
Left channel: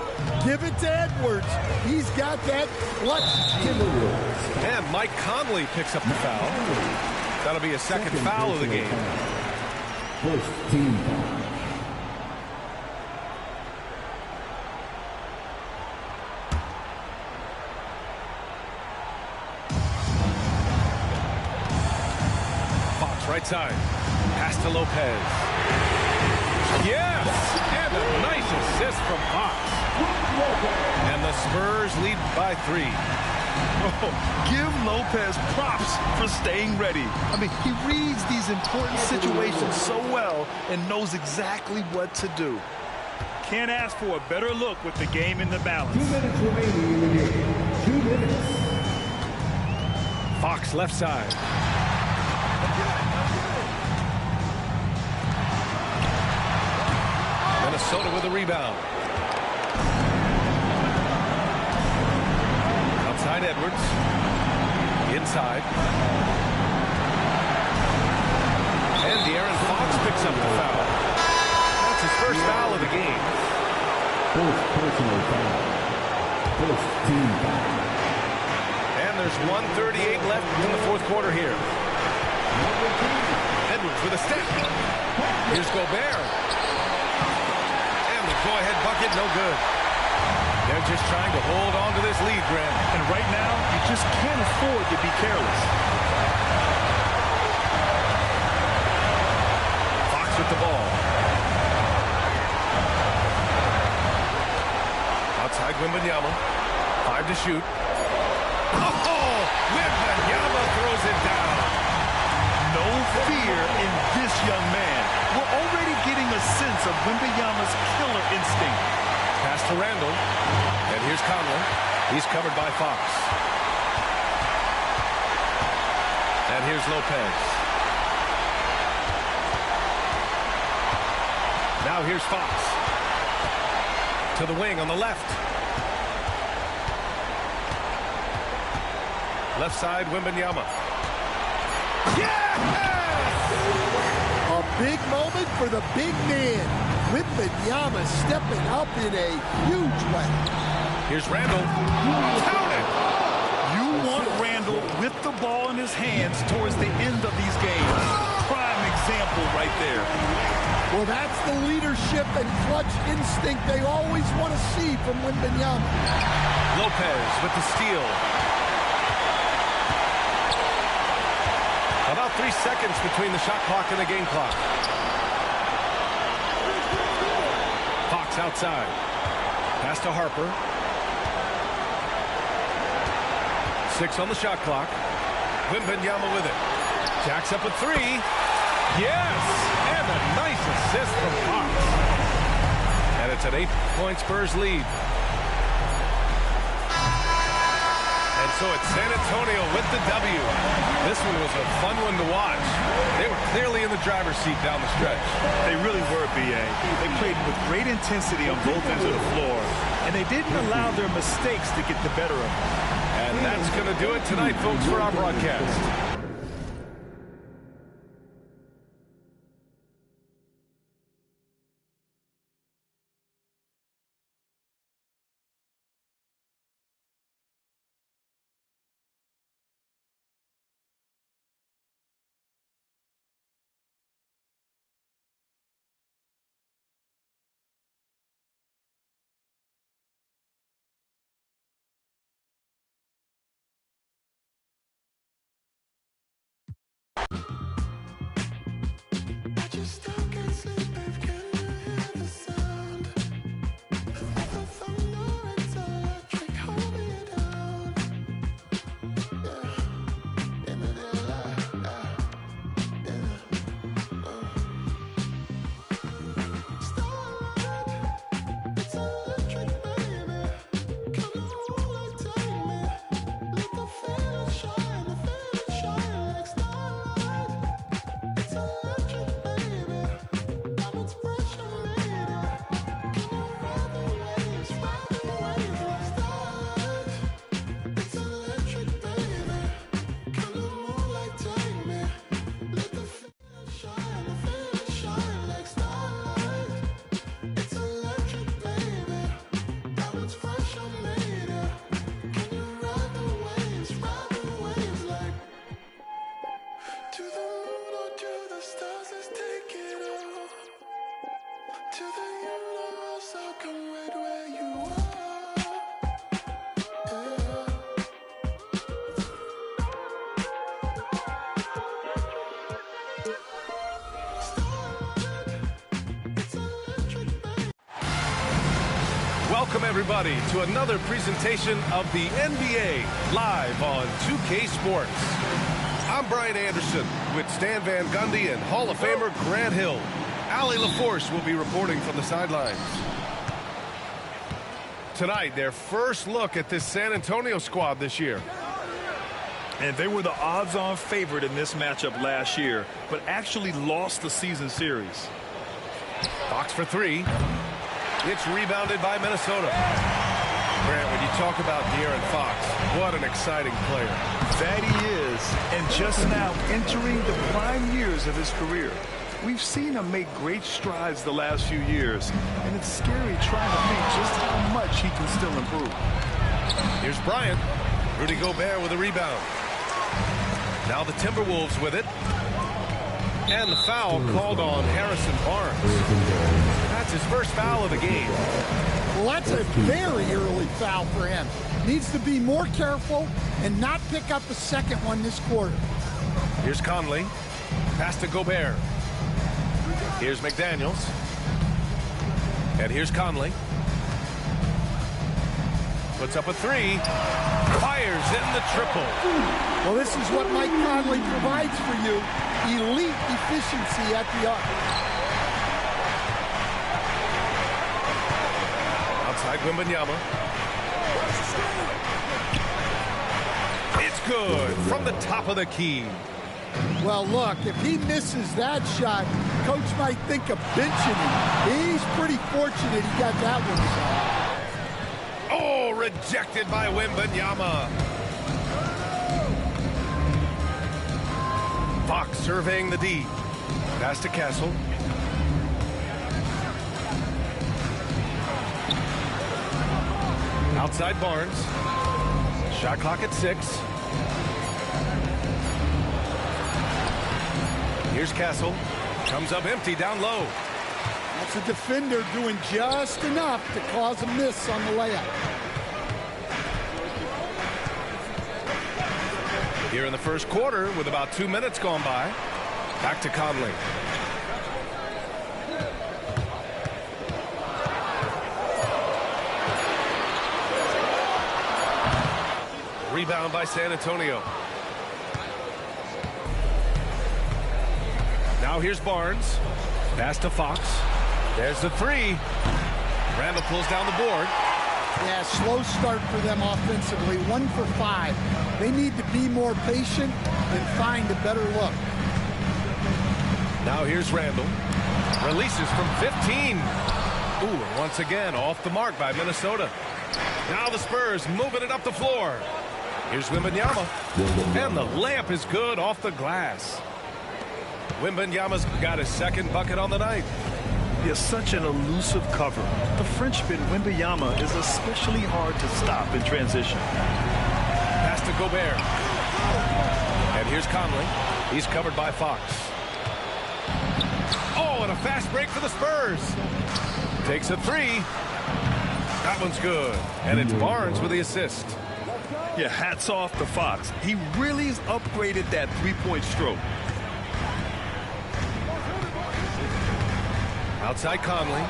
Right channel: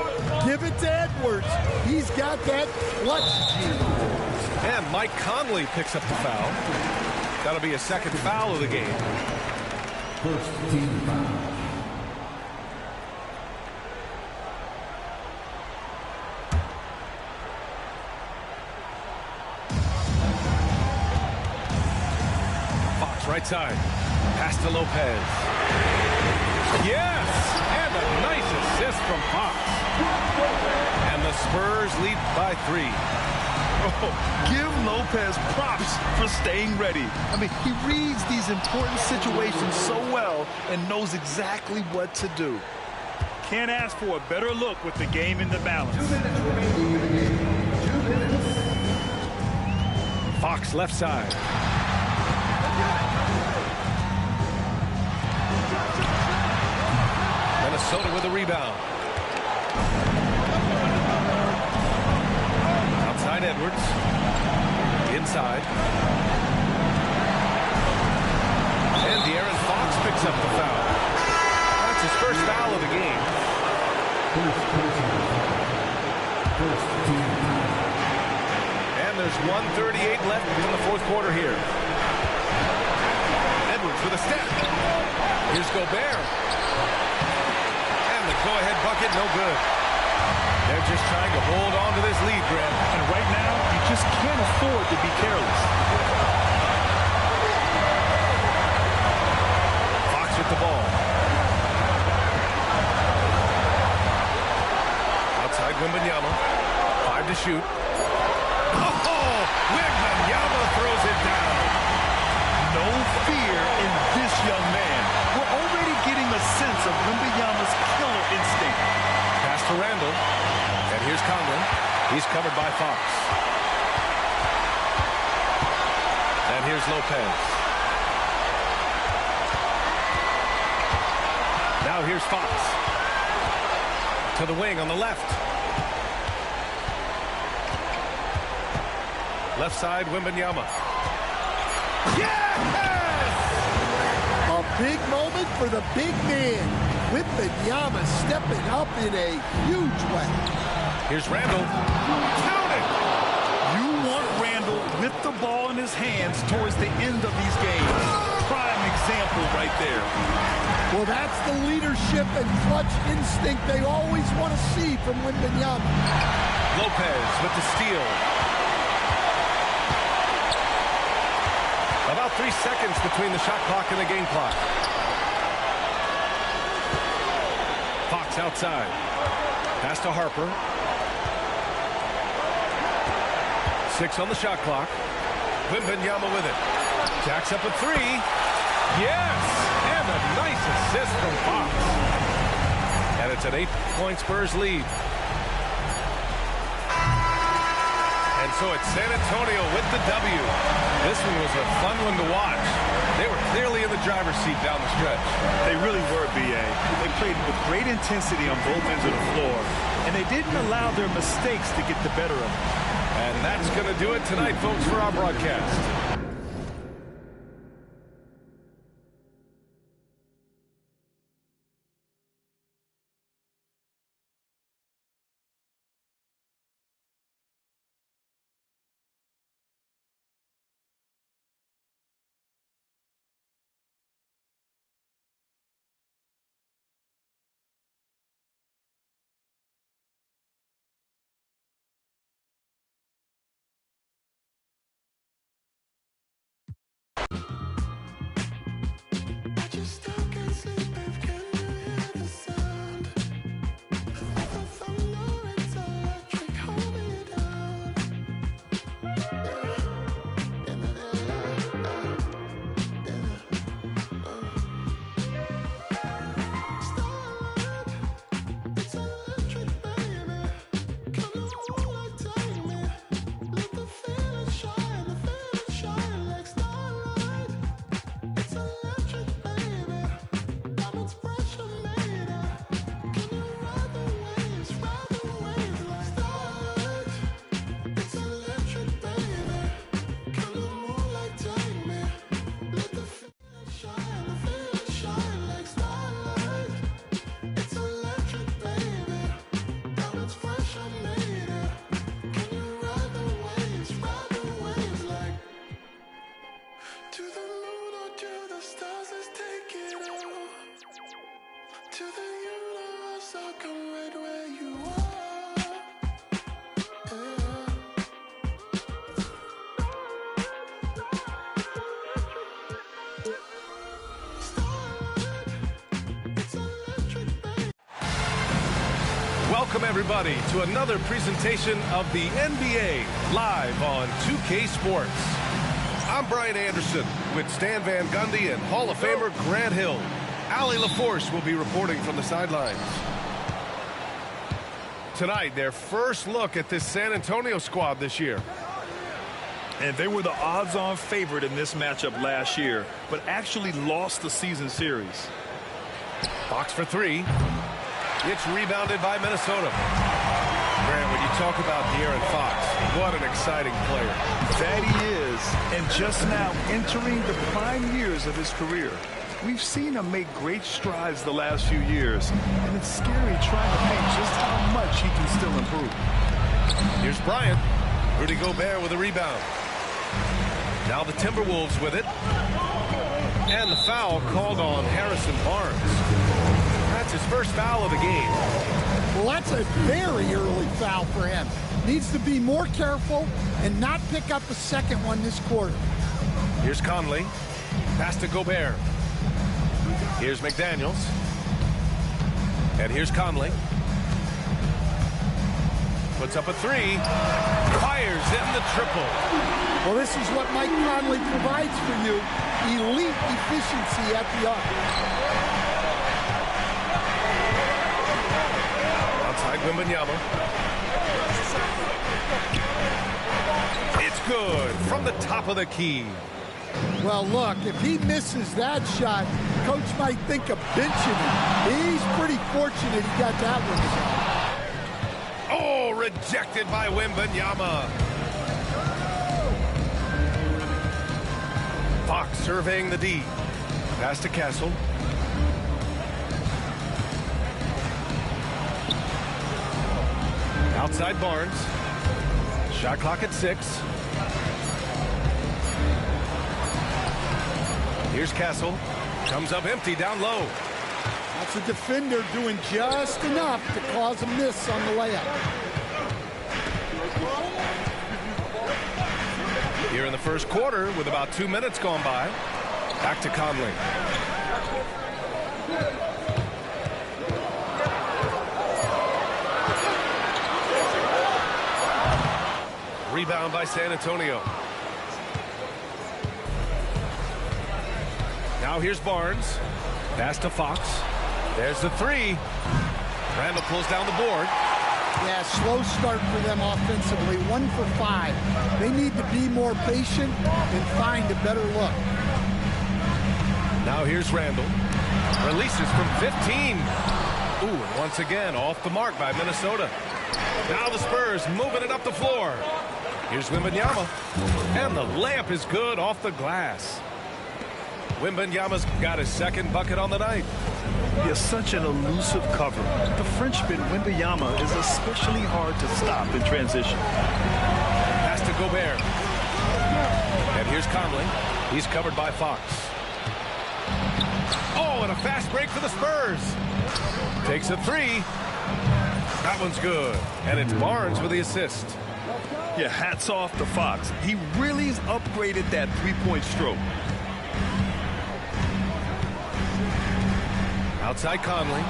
Give it to Edwards. He's got that clutch gene. And Mike Conley picks up the foul. That'll be a second foul of the game. First team foul. Fox right side. Pass to Lopez. Yes! And a nice assist from Fox. And the Spurs lead by 3. Oh, give Lopez props for staying ready. I mean, he reads these important situations so well and knows exactly what to do. Can't ask for a better look with the game in the balance. 2 minutes remaining in the game. 2 minutes. Fox left side. Minnesota with a rebound. Outside Edwards. Inside. And De'Aaron Fox picks up the foul. That's his first foul of the game. First personal foul. First team foul. And there's 1:38 left in the fourth quarter here. Edwards with a step. Here's Gobert. And the go-ahead bucket, no good. They're just trying to hold on to this lead, Grant. And right now, you just can't afford to be careless. Fox with the ball. Outside Wembanyama. 5 to shoot. Oh! Wembanyama throws it down. No fear in this young man. We're already getting a sense of Wembanyama's killer instinct. Pass to Randall. And here's Conlon. He's covered by Fox. And here's Lopez. Now here's Fox. To the wing on the left. Left side, Wembanyama. Yes! A big moment for the big man. Wembanyama stepping up in a huge way. Here's Randall. Count it! You want Randall with the ball in his hands towards the end of these games. Prime example right there. Well, that's the leadership and clutch instinct they always want to see from Wembanyama. Lopez with the steal. About 3 seconds between the shot clock and the game clock. Fox outside. Pass to Harper. 6 on the shot clock. Wembanyama with it. Jacks up a 3. Yes! And a nice assist from Fox. And it's an 8-point Spurs lead. And so it's San Antonio with the W. This one was a fun one to watch. They were clearly in the driver's seat down the stretch. They really were, B.A. They played with great intensity on both ends of the floor, and they didn't allow their mistakes to get the better of them. And that's going to do it tonight, folks, for our broadcast. Welcome, everybody, to another presentation of the NBA live on 2K Sports. I'm Brian Anderson with Stan Van Gundy and Hall of Famer Grant Hill. Allie LaForce will be reporting from the sidelines. Tonight, their first look at this San Antonio squad this year. And they were the odds-on favorite in this matchup last year, but actually lost the season series. Fox for three. It's rebounded by Minnesota. Grant, when you talk about De'Aaron Fox, what an exciting player. That he is, and just now entering the prime years of his career. We've seen him make great strides the last few years, and it's scary trying to think just how much he can still improve. Here's Bryant. Rudy Gobert with a rebound. Now the Timberwolves with it. And the foul called on Harrison Barnes. That's his first foul of the game. Well, that's a very early foul for him. Needs to be more careful and not pick up a second one this quarter. Here's Conley. Pass to Gobert. Here's McDaniels. And here's Conley. Puts up a three. Fires in the triple. Well, this is what Mike Conley provides for you. Elite efficiency at the arc. Outside Wembanyama. It's good from the top of the key. Well, look, if he misses that shot, coach might think of benching him. He's pretty fortunate he got that one to go. Oh, rejected by Wembanyama. Fox surveying the D. Pass to Castle. Outside Barnes. Shot clock at 6. Here's Castle. Comes up empty down low. That's a defender doing just enough to cause a miss on the layup. Here in the first quarter with about 2 minutes gone by. Back to Conley. Rebound by San Antonio. Now here's Barnes. Pass to Fox. There's the three. Randall pulls down the board. Yeah, slow start for them offensively. 1 for 5. They need to be more patient and find a better look. Now here's Randall. Releases from 15. Ooh, and once again off the mark by Minnesota. Now the Spurs moving it up the floor. Here's Wembanyama. And the layup is good off the glass. Wembanyama's got his second bucket on the night. He has such an elusive cover. The Frenchman Wembanyama is especially hard to stop in transition. Pass to Gobert. And here's Conley. He's covered by Fox. Oh, and a fast break for the Spurs. Takes a three. That one's good. And it's Barnes with the assist. Yeah, hats off to Fox. He really's upgraded that three-point stroke. Outside Conley.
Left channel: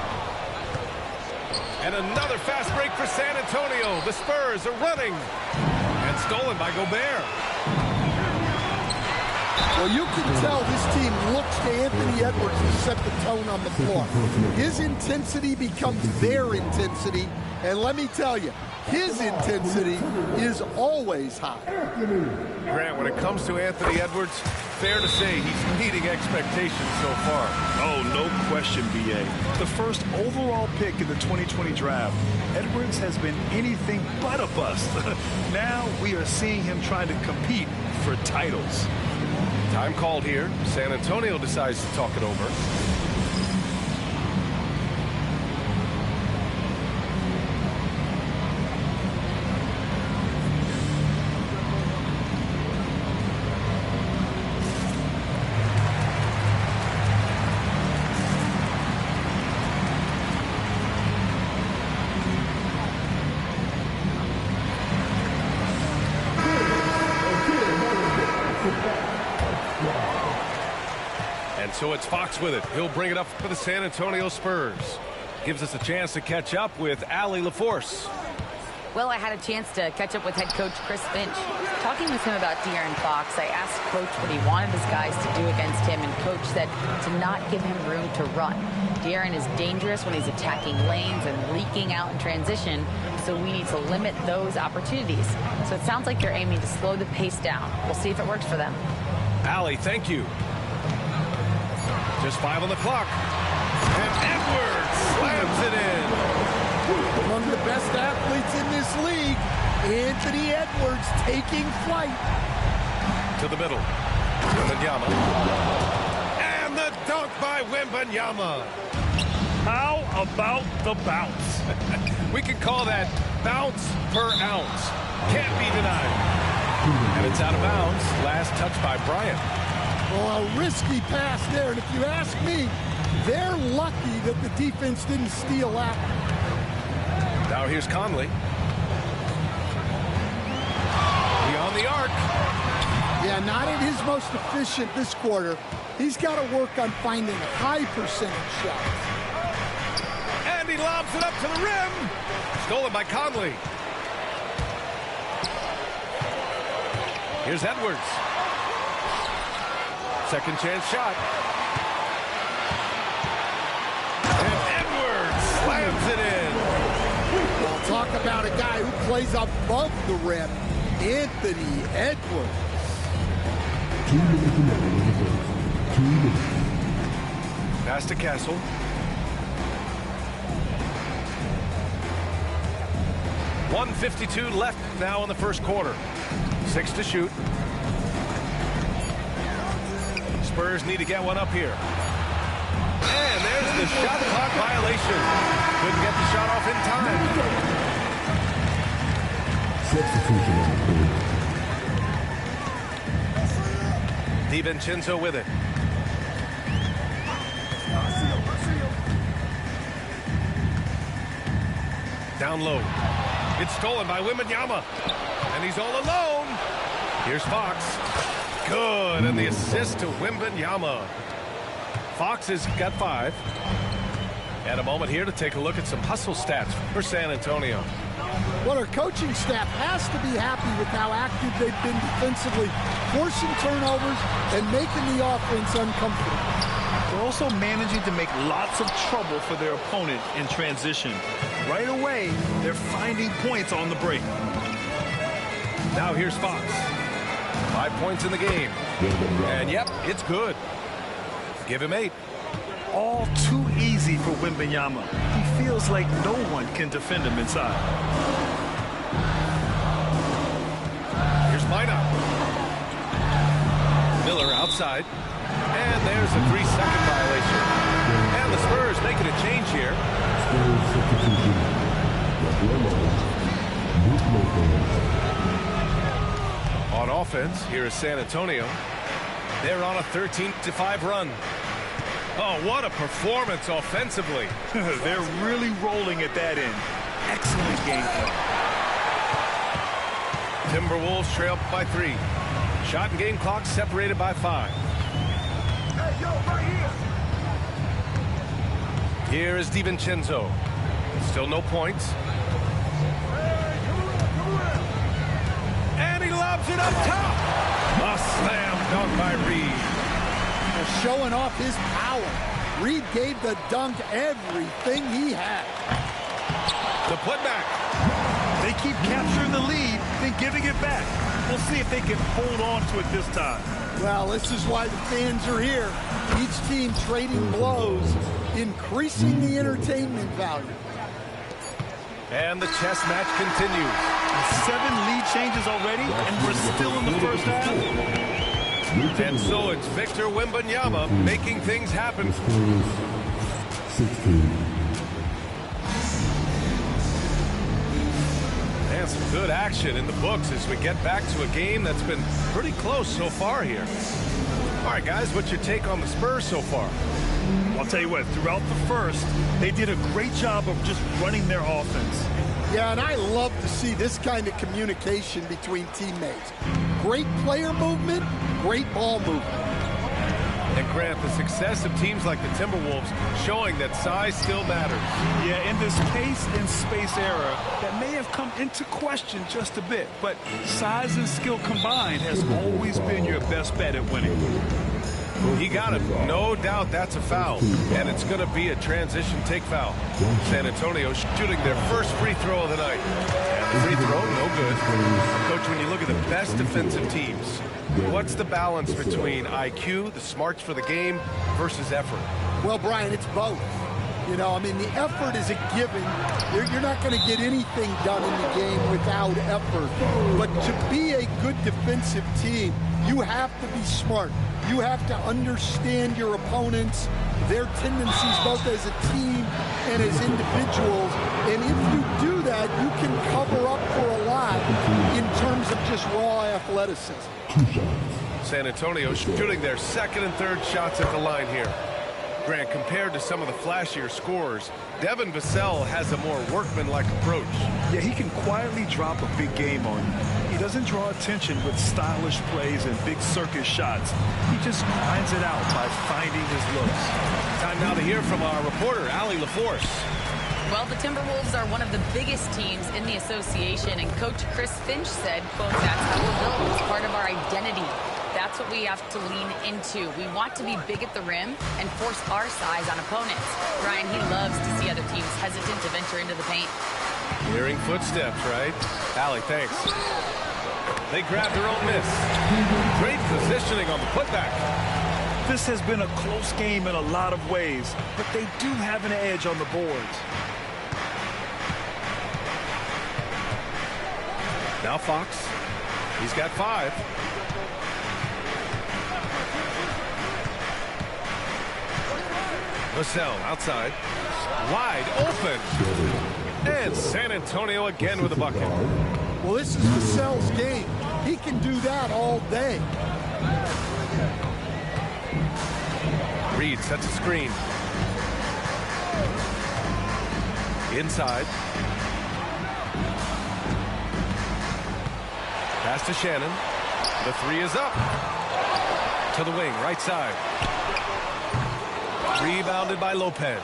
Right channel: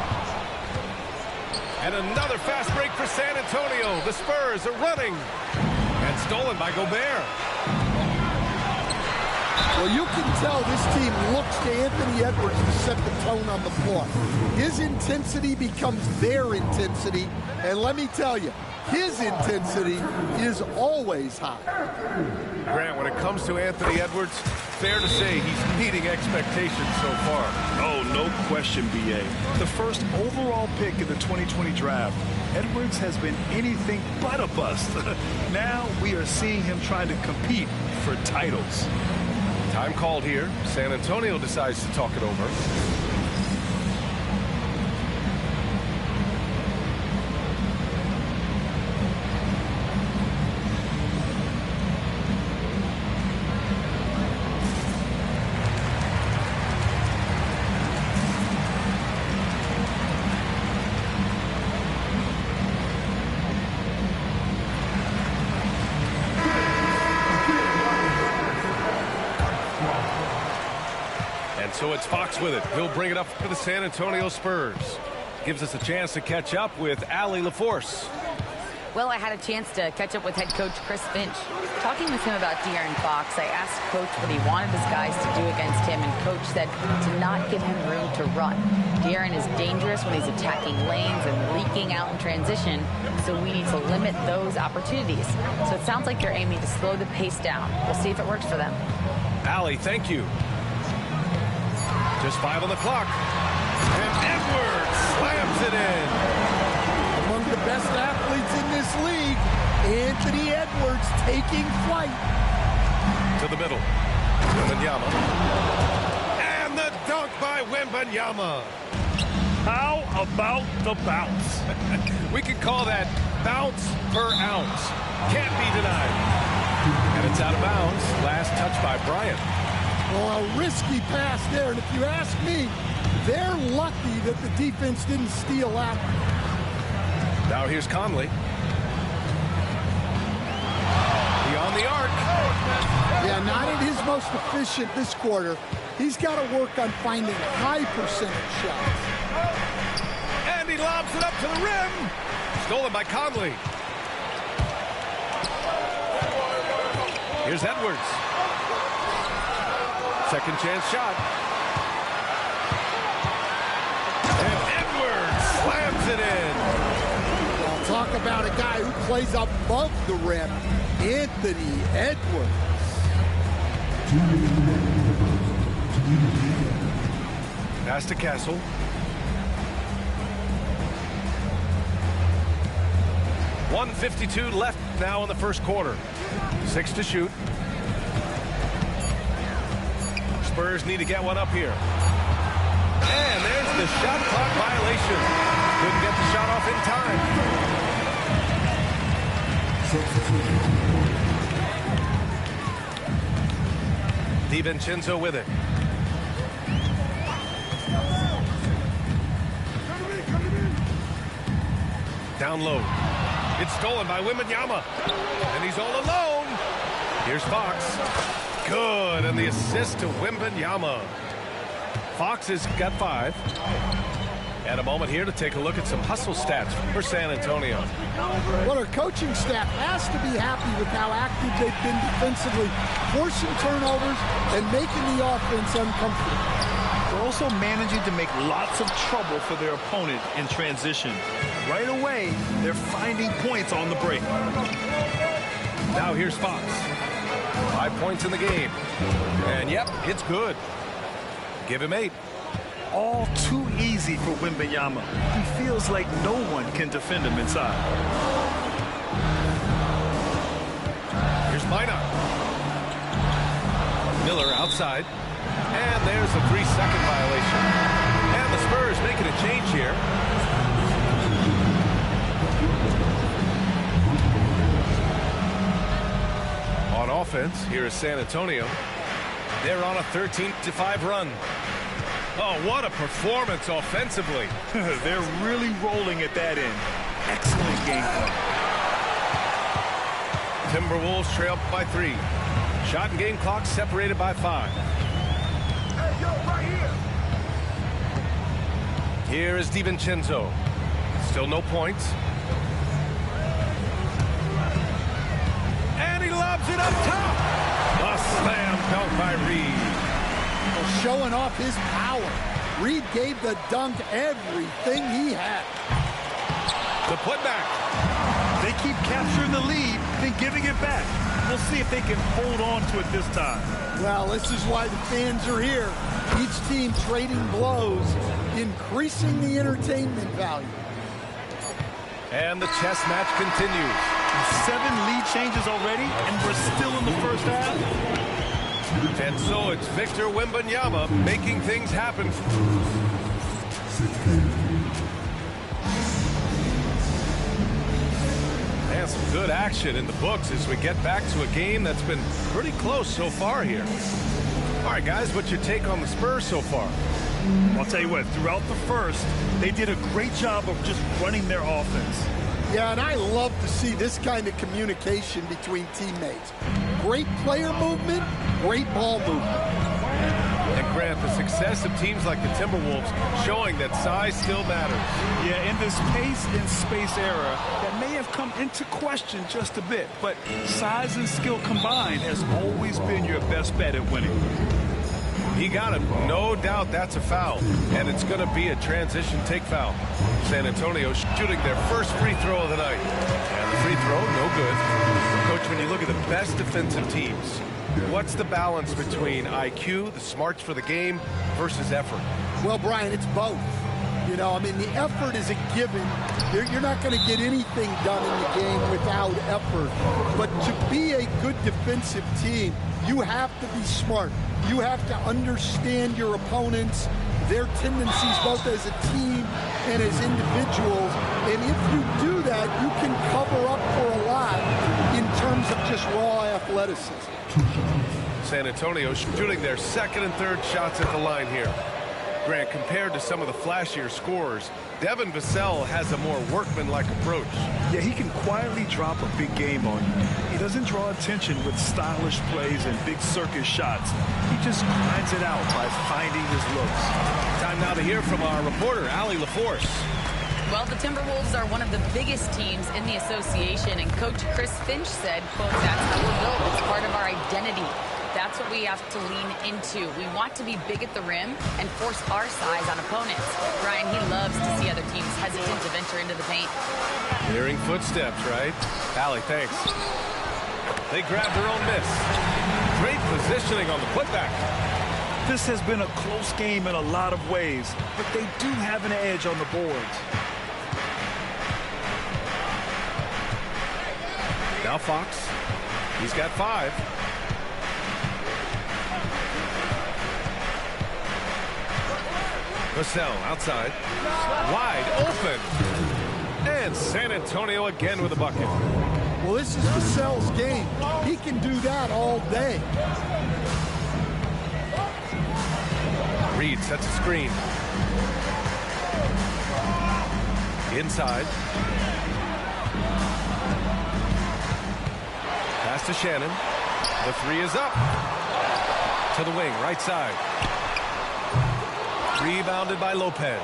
And another fast break for San Antonio. The Spurs are running. And stolen by Gobert. Well, you can tell this team looks to Anthony Edwards to set the tone on the floor. His intensity becomes their intensity. And let me tell you, his intensity is always high. Grant, when it comes to Anthony Edwards, fair to say he's meeting expectations so far. Oh, no question, B.A. The first overall pick in the 2020 draft, Edwards has been anything but a bust. Now we are seeing him trying to compete for titles. Time called here. San Antonio decides to talk it over. And so it's Fox with it. He'll bring it up for the San Antonio Spurs. Gives us a chance to catch up with Allie LaForce. Well, I had a chance to catch up with head coach Chris Finch. Talking with him about De'Aaron Fox, I asked Coach what he wanted his guys to do against him, and Coach said to not give him room to run. De'Aaron is dangerous when he's attacking lanes and leaking out in transition, so we need to limit those opportunities. So it sounds like they're aiming to slow the pace down. We'll see if it works for them. Allie, thank you. Just 5 on the clock. And Edwards slams it in. Among the best athletes in this league, Anthony Edwards taking flight. To the middle. Wembanyama. And the dunk by Wembanyama. How about the bounce? We could call that bounce per ounce. Can't be denied. And it's out of bounds. Last touch by Bryant. Well, a risky pass there, and if you ask me, they're lucky that the defense didn't steal after. Now here's Conley. Beyond the arc. Yeah, not at his most efficient this quarter. He's got to work on finding high percentage shots. And he lobs it up to the rim. Stolen by Conley. Here's Edwards. Second chance shot. And Edwards slams it in. Well, talk about a guy who plays above the rim. Anthony Edwards. 2 minutes remaining in the first. 2 minutes. Pass to Castle. $1:52 left now in the first quarter. 6 to shoot. Spurs need to get one up here. And there's the shot clock violation. Couldn't get the shot off in time. Substitution on the court. DiVincenzo with it. Down low. It's stolen by Wembanyama. And he's all alone. Here's Fox. Good. And the assist to Wembanyama. Fox has got 5. And a moment here to take a look at some hustle stats for San Antonio. Well, our coaching staff has to be happy with how active they've been defensively, forcing turnovers and making the offense uncomfortable. They're also managing to make lots of trouble for their opponent in transition. Right away, they're finding points on the break. Now here's Fox. 5 points in the game. And yep, it's good. Give him 8. All too easy for Wembanyama. He feels like no one can defend him inside. Here's Minot. Miller outside. And there's a 3-second violation. And the Spurs making a change here. On offense, here is San Antonio. They're on a 13-5 run. Oh, what a performance offensively. They're really rolling at that end. Excellent game plan. Timberwolves trail by 3. Shot and game clock separated by 5. Hey, yo, right here. Here is DiVincenzo. Still no points. And he lobs it up top. A slam dunk by Reed. Well, showing off his power. Reed gave the dunk everything he had. The putback. They keep capturing the lead, then giving it back. We'll see if they can hold on to it this time. Well, this is why the fans are here. Each team trading blows, increasing the entertainment value. And the chess match continues. 7 lead changes already, and we're still in the first half. And so it's Victor Wembanyama making things happen. 16. And some good action in the books as we get back to a game that's been pretty close so far here. All right, guys, what's your take on the Spurs so far? I'll tell you what, throughout the first, they did a great job of just running their offense. Yeah, and I love to see this kind of communication between teammates. Great player movement, great ball movement. And Grant, the success of teams like the Timberwolves showing that size still matters. Yeah, in this pace and space era, that may have come into question just a bit, but size and skill combined has always been your best bet at winning. He got him. No doubt that's a foul. And it's going to be a transition take foul. San Antonio shooting their first free throw of the night. And the free throw, no good. Coach, when you look at the best defensive teams, what's the balance between IQ, the smarts for the game, versus effort? Well, Brian, it's both. You know, I mean, the effort is a given. You're not going to get anything done in the game without effort. But to be a good defensive team, you have to be smart. You have to understand your opponents, their tendencies, both as a team and as individuals. And if you do that, you can cover up for a lot in terms of just raw athleticism. San Antonio shooting their second and third shots at the line here. Grant, compared to some of the flashier scorers, Devin Vassell has a more workmanlike approach. Yeah, he can quietly drop a big game on you. He doesn't draw attention with stylish plays and big circus shots. He just grinds it out by finding his looks. Time now to hear from our reporter, Allie LaForce. Well, the Timberwolves are one of the biggest teams in the association, and Coach Chris Finch said, quote, "That's how we're built. It's part of our identity. That's what we have to lean into. We want to be big at the rim and force our size on opponents." Brian, he loves to see other teams hesitant to venture into the paint. Hearing footsteps, right? Allie, thanks. They grabbed their own miss. Great positioning on the putback. This has been a close game in a lot of ways, but they do have an edge on the boards. Now Fox. He's got 5. Vassell outside. Wide open. And San Antonio again with a bucket. Well, this is Vassell's game. He can do that all day. Reed sets a screen. Inside. Pass to Shannon. The 3 is up. To the wing, right side. Rebounded by Lopez.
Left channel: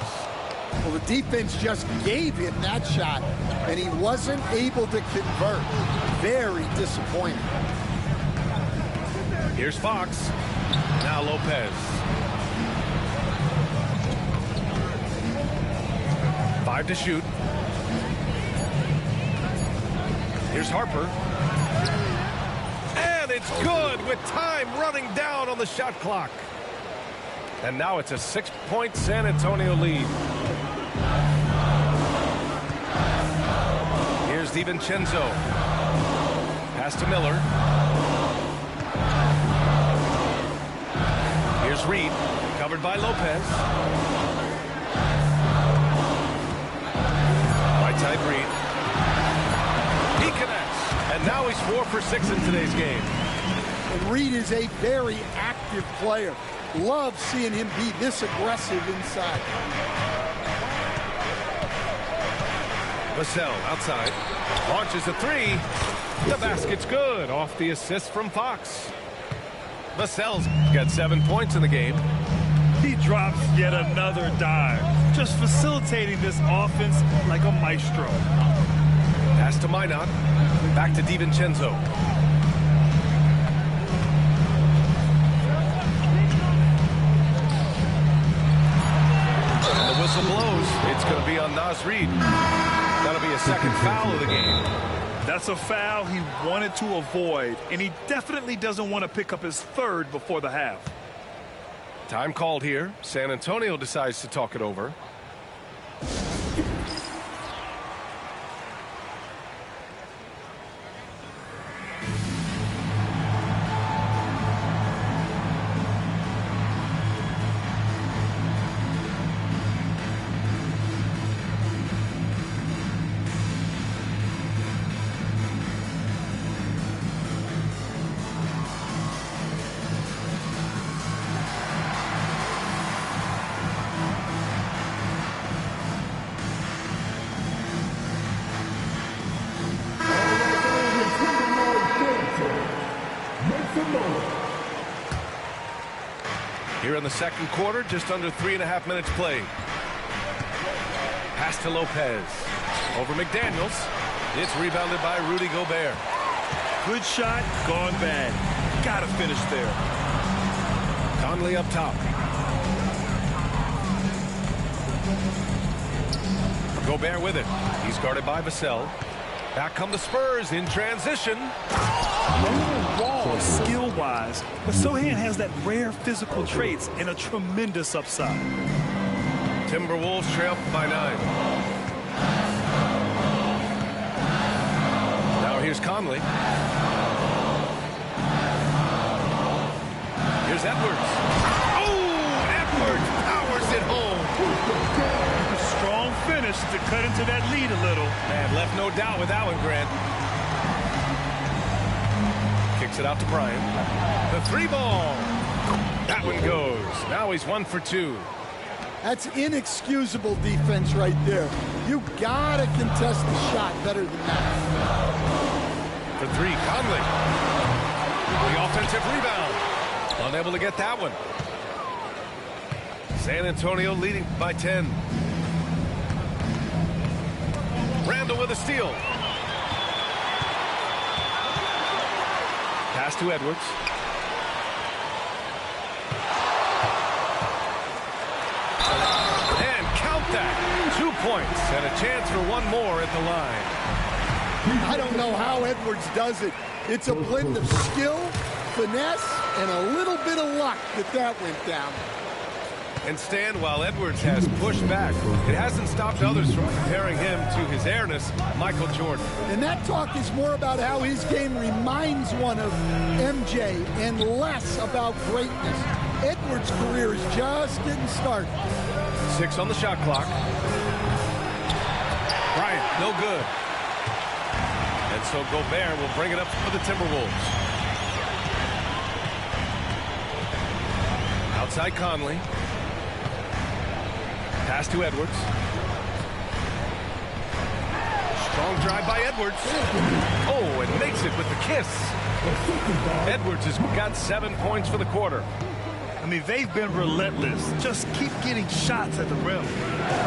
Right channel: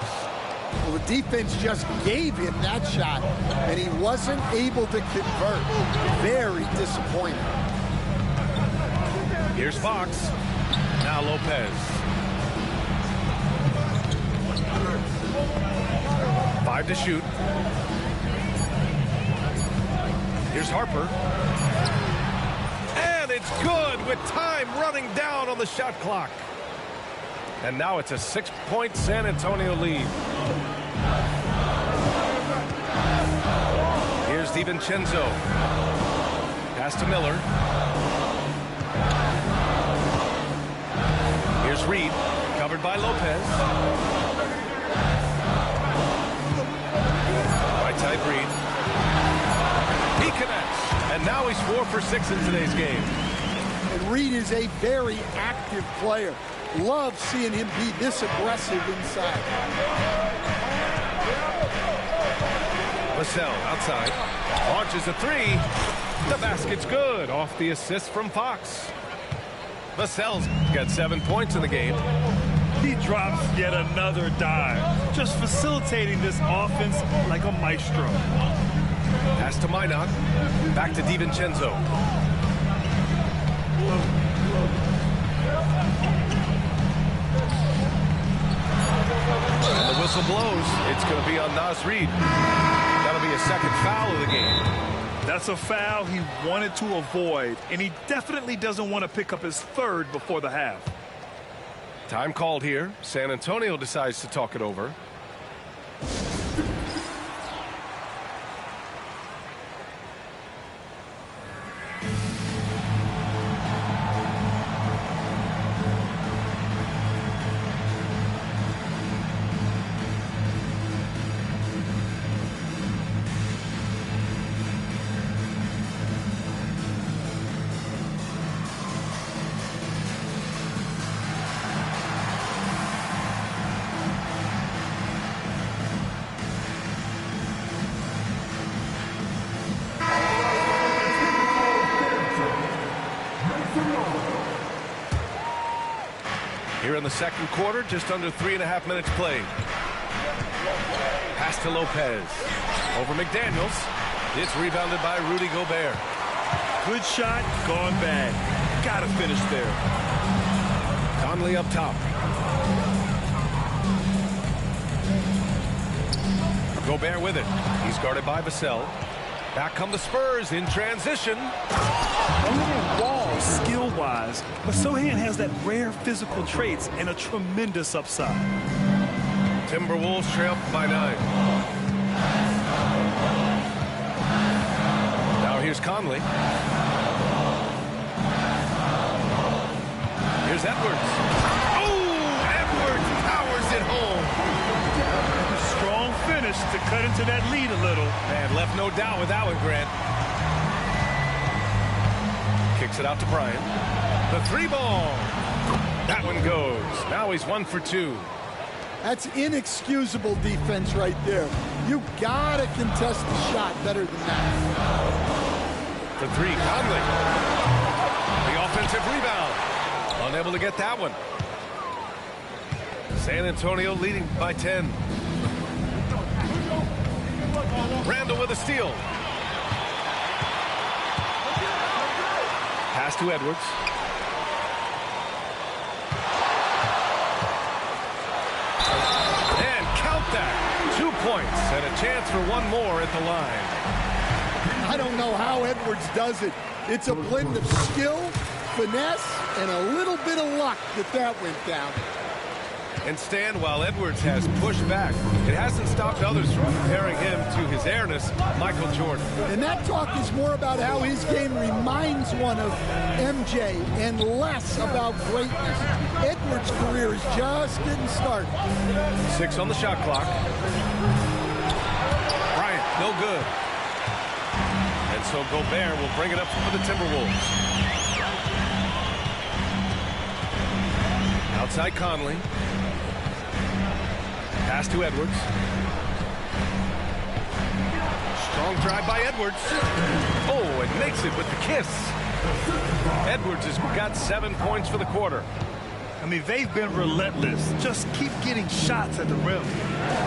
Well, the defense just gave him that shot, and he wasn't able to convert. Very disappointing. Here's Fox. Now Lopez. 5 to shoot. Here's Harper. And it's good with time running down on the shot clock. And now it's a 6-point San Antonio lead. Here's DiVincenzo. Pass to Miller. Here's Reed. Covered by Lopez. Right side Reed. He connects. And now he's 4 for 6 in today's game. And Reed is a very active player. Love seeing him be this aggressive inside. Vassell outside. Launches a 3. The basket's good. Off the assist from Fox. Vassell's got 7 points in the game. He drops yet another dime, just facilitating this offense like a maestro. Pass to Minot. Back to DiVincenzo. And the whistle blows. It's going to be on Naz Reid. That'll be a second foul of the game. That's a foul he wanted to avoid, and he definitely doesn't want to pick up his 3rd before the half. Time called here. San Antonio decides to talk it over. Here in the second quarter, just under 3.5 minutes played. Pass to Lopez. Over McDaniels. It's rebounded by Rudy Gobert. Good shot, gone bad. Gotta finish there. Conley up top. Gobert with it. He's guarded by Vassell. Back come the Spurs in transition. A little raw skill-wise, but Sochan has that rare physical traits and a tremendous upside. Timberwolves trail by 9. Now here's Conley. Here's Edwards. Oh, Edwards powers it home. A strong finish to cut into that lead a little. Man, left no doubt with that one, Grant. Kicks it out to Bryant. The 3-ball. That one goes. Now he's 1 for 2. That's inexcusable defense right there. You gotta contest the shot better than that. For 3, Conley. The offensive rebound. Unable to get that one. San Antonio leading by 10. Randall with a steal. Pass to Edwards. And count that. 2 points and a chance for one more at the line. I don't know how Edwards does it. It's a blend of skill, finesse, and a little bit of luck that went down. And Stan, while Edwards has pushed back, it hasn't stopped others from comparing him to his airness, Michael Jordan. And that talk is more about how his game reminds one of MJ and less about greatness. Edwards' career is just getting started. 6 on the shot clock. Bryant, no good. And so Gobert will bring it up for the Timberwolves. Outside Conley. Pass to Edwards. Strong drive by Edwards. Oh, and makes it with the kiss. Edwards has got 7 points for the quarter. I mean, they've been relentless. Just keep getting shots at the rim.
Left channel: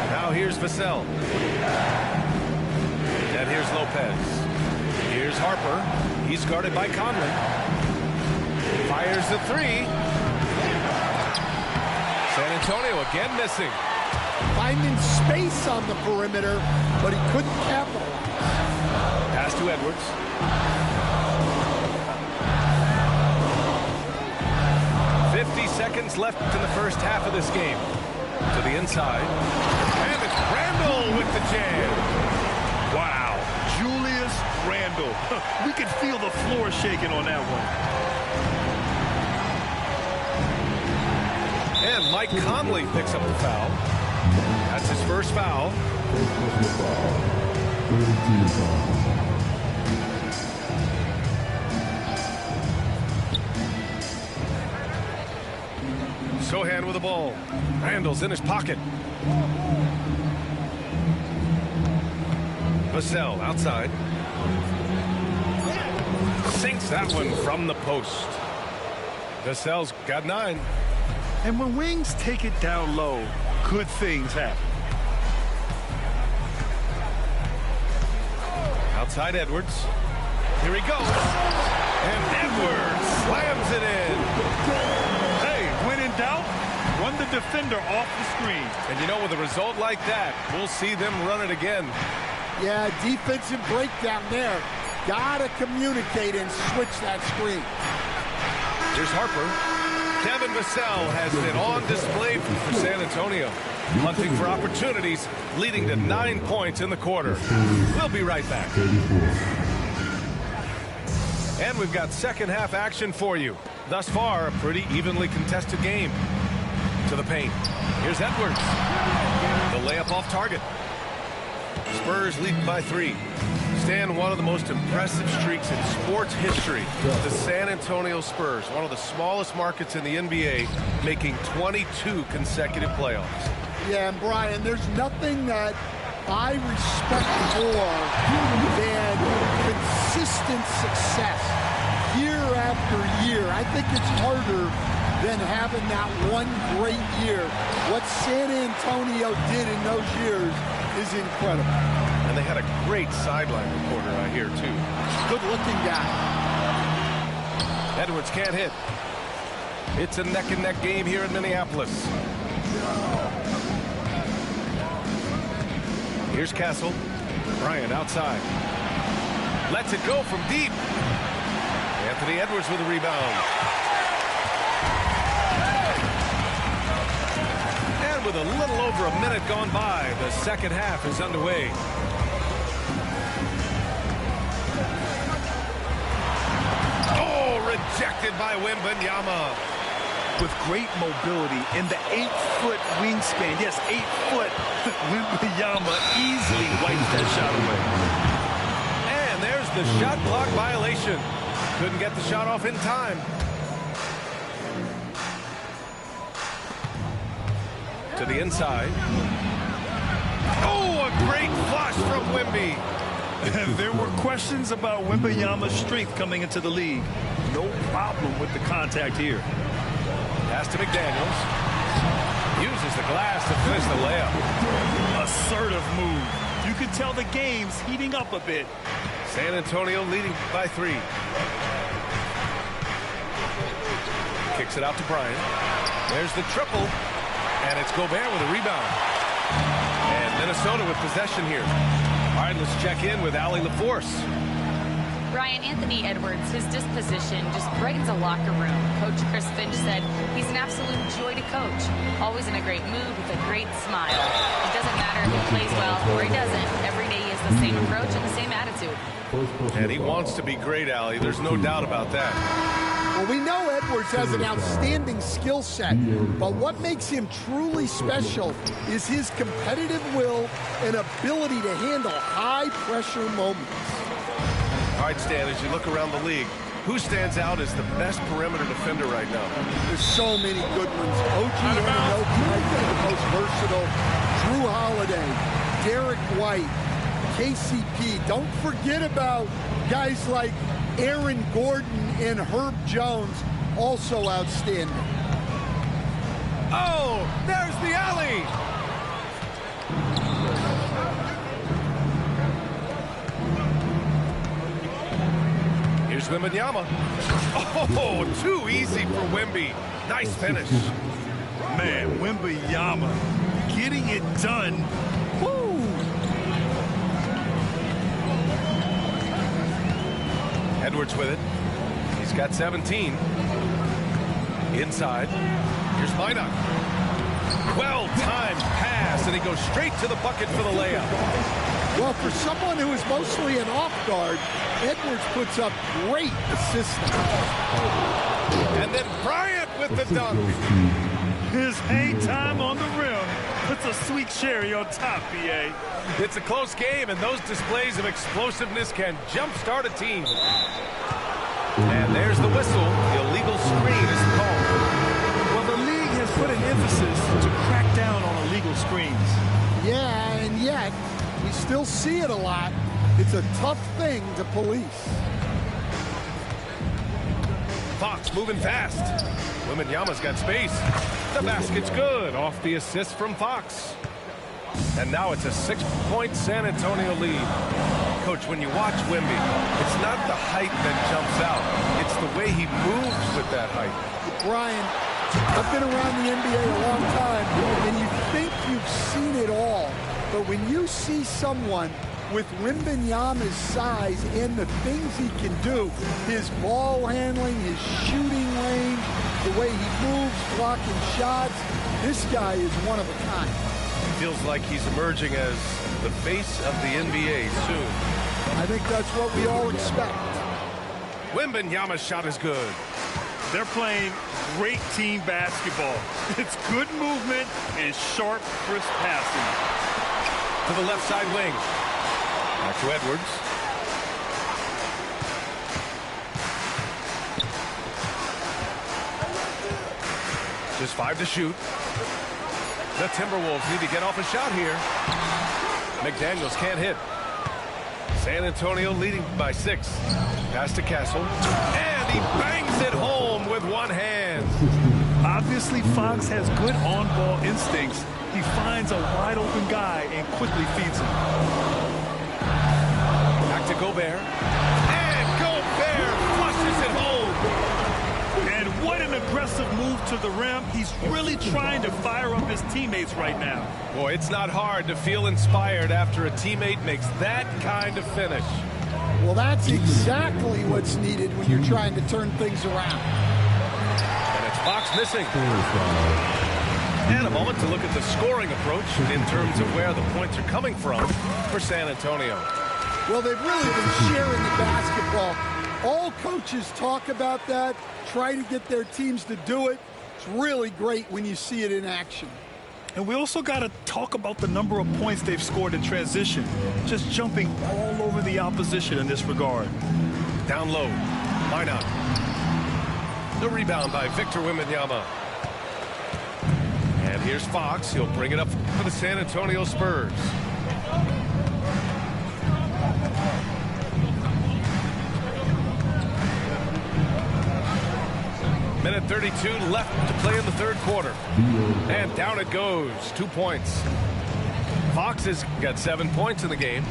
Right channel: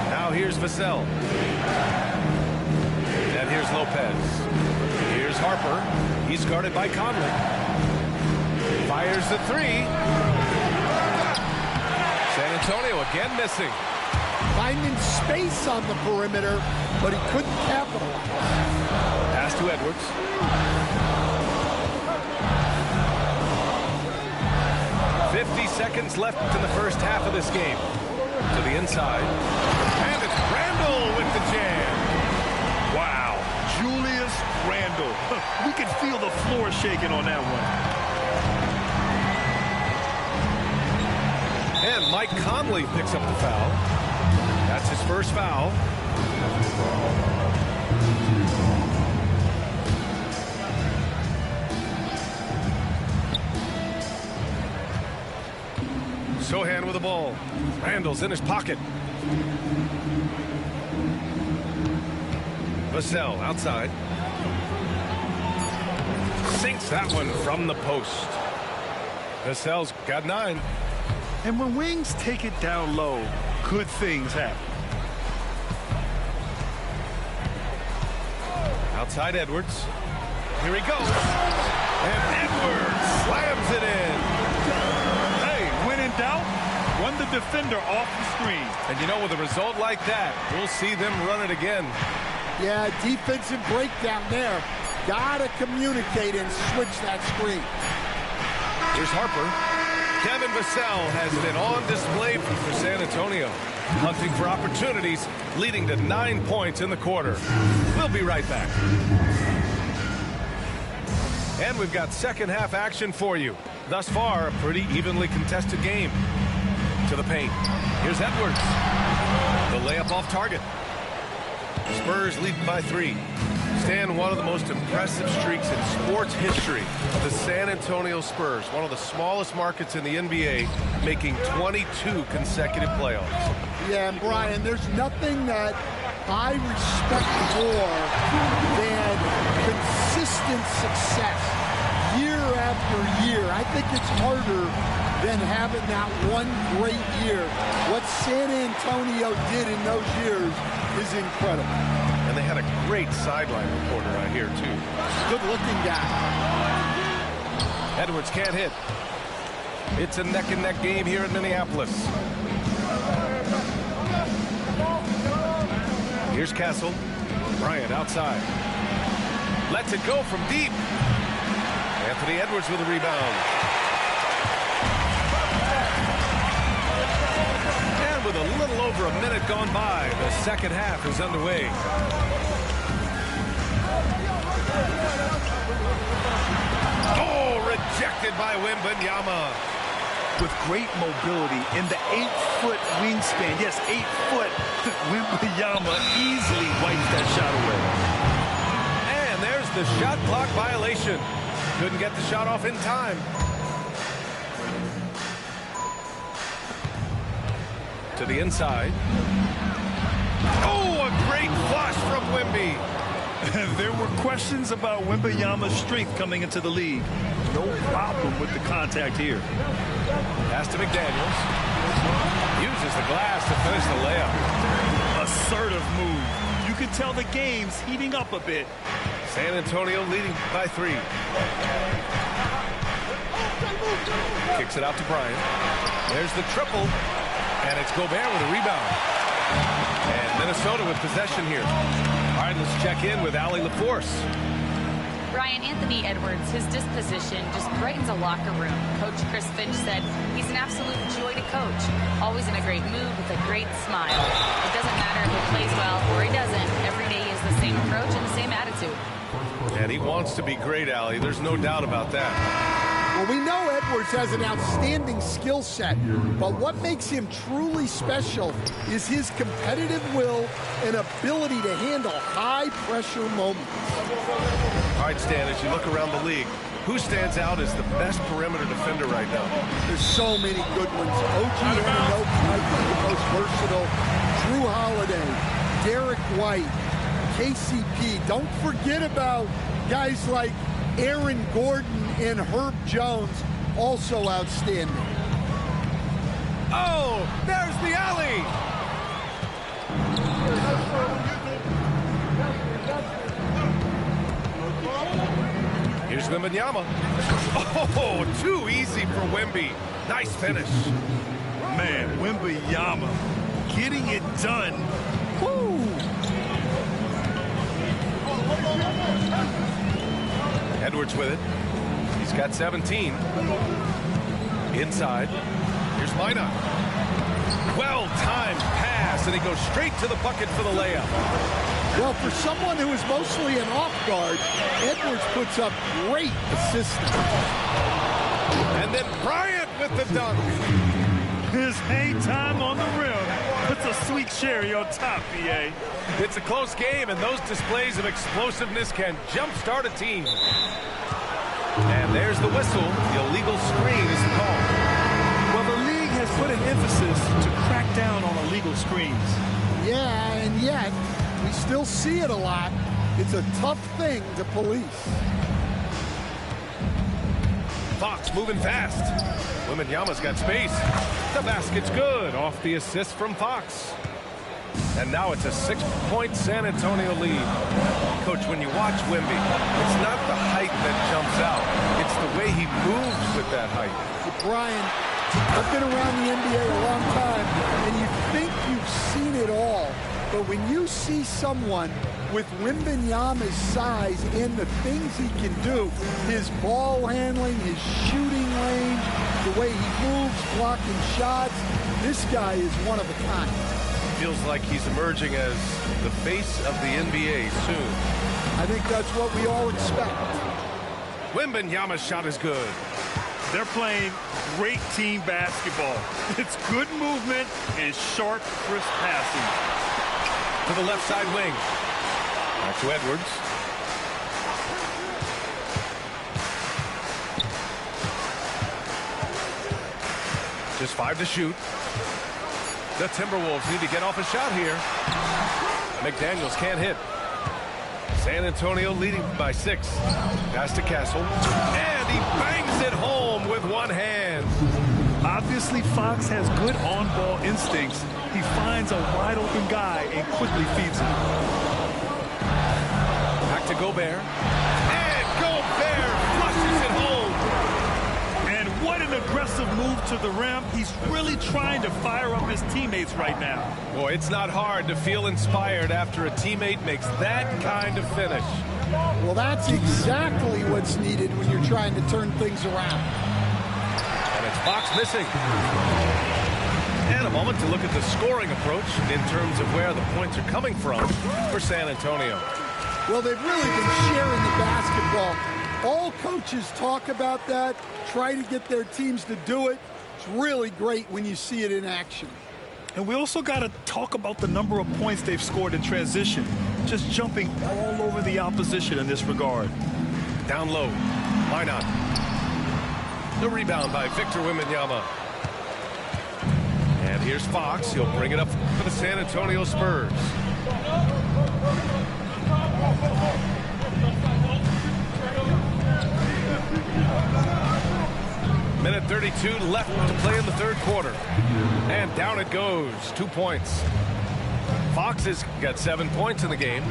Now here's Vassell. And here's Lopez. Here's Harper. He's guarded by Conley. Fires the 3. San Antonio again missing. Finding space on the perimeter, but he couldn't capitalize. Pass to Edwards. Seconds left in the first half of this game. To the inside. And it's Randall with the jam. Wow. Julius Randall. We could feel the floor shaking on that one. And Mike Conley picks up the foul. That's his first foul. Sochan with the ball. Randall's in his pocket. Vassell outside. Sinks that one from the post. Vassell's got 9. And when wings take it down low, good things happen. Outside Edwards. Here he goes. And Edwards slams it in. Hey, when in doubt, run the defender off the screen. And you know, with a result like that, we'll see them run it again. Yeah, defensive breakdown there. Gotta communicate and switch that screen. Here's Harper. Kevin Vassell has been on display for San Antonio, hunting for opportunities, leading to 9 points in the quarter. We'll be right back. And we've got second half action for you. Thus far, a pretty evenly contested game. To the paint. Here's Edwards. The layup off target. Spurs lead by 3. Stan, one of the most impressive streaks in sports history. The San Antonio Spurs, one of the smallest markets in the NBA, making 22 consecutive playoffs. Yeah, and Brian, there's nothing that I respect more than consistent success year after year. I think it's harder than having that one great year. What San Antonio did in those years is incredible. And they had a great sideline reporter, I hear, too. Good-looking guy. Edwards can't hit. It's a neck-and-neck game here in Minneapolis. Here's Castle. Bryant outside. Lets it go from deep. Anthony Edwards with a rebound. And with a little over a minute gone by, the second half is underway. Oh, rejected by Wembanyama. With great mobility in the 8-foot wingspan. Yes, 8 foot. Wembanyama easily wipes that shot away. And there's the shot clock violation. Couldn't get the shot off in time. To the inside. Oh, a great flush from Wemby. There were questions about Wembanyama's strength coming into the league. No problem with the contact here. Pass to McDaniels. Uses the glass to finish the layup. Assertive move. You can tell the game's heating up a bit. San Antonio leading by 3. Kicks it out to Bryant. There's the triple. And it's Gobert with a rebound. And Minnesota with possession here. All right, let's check in with Allie LaForce. Brian, Anthony Edwards, his disposition just brightens a locker room. Coach Chris Finch said he's an absolute joy to coach. Always in a great mood with a great smile. It doesn't matter if he plays well or he doesn't. Every day he has the same approach and the same attitude. And he wants to be great, Allie. There's no doubt about that. Well, we know Edwards has an outstanding skill set, but what makes him truly special is his competitive will and ability to handle high-pressure moments. All right, Stan, as you look around the league, who stands out as the best perimeter defender right now? There's so many good ones. OG Anunoby might be the most versatile. Drew Holiday, Derek White, KCP. Don't forget about guys like Aaron Gordon and Herb Jones, also outstanding. Oh, there's the alley. Here's Wembanyama. Oh, too easy for Wemby. Nice finish. Man, Wembanyama getting it done. Woo! Edwards with it. He's got 17. Inside. Here's Minot. Well-timed pass, and he goes straight to the bucket for the layup. Well, for someone who is mostly an off guard, Edwards puts up great assist numbers. And then Bryant with the dunk. His hang time on the rim puts a sweet cherry on top, BA. It's a close game, and those displays of explosiveness can jumpstart a team. And there's the whistle. The illegal screen is the call. Well, the league has put an emphasis to crack down on illegal screens. Yeah, and yet we still see it a lot. It's a tough thing to police. Fox moving fast. Wembanyama's got space. The basket's good off the assist from Fox. And now it's a 6-point San Antonio lead. Coach, when you watch Wemby, it's not the height that jumps out. It's the way he moves with that height. Brian, I've been around the NBA a long time, and you think you've seen it all. But when you see someone with Wembanyama's size and the things he can do, his ball handling, his shooting range, the way he moves, blocking shots, this guy is one of a kind. Feels like he's emerging as the face of the NBA soon. I think that's what we all expect. Wembanyama's shot is good. They're playing great team basketball. It's good movement and sharp, crisp passing. To the left side wing. Back to Edwards. Just 5 to shoot. The Timberwolves need to get off a shot here. McDaniels can't hit. San Antonio leading by 6. Pass to Castle. And he bangs it home with one hand. Obviously, Fox has good on-ball instincts. He finds a wide-open guy and quickly feeds him. Back to Gobert. And Gobert flushes it home. And What an aggressive move to the rim. He's really trying to fire up his teammates right now. Boy, it's not hard to feel inspired after a teammate makes that kind of finish. Well, that's exactly what's needed when you're trying to turn things around. And it's Fox missing. And a moment to look at the scoring approach in terms of where the points are coming from for San Antonio. Well, they've really been sharing the basketball. All coaches talk about that, try to get their teams to do it. It's really great when you see it in action. And we also got to talk about the number of points they've scored in transition, just jumping all over the opposition in this regard. Down low, why not? The rebound by Victor Wembanyama. And here's Fox. He'll bring it up for the San Antonio Spurs. Minute 32 left to play in the third quarter. And down it goes. 2 points. Fox has got 7 points in the game.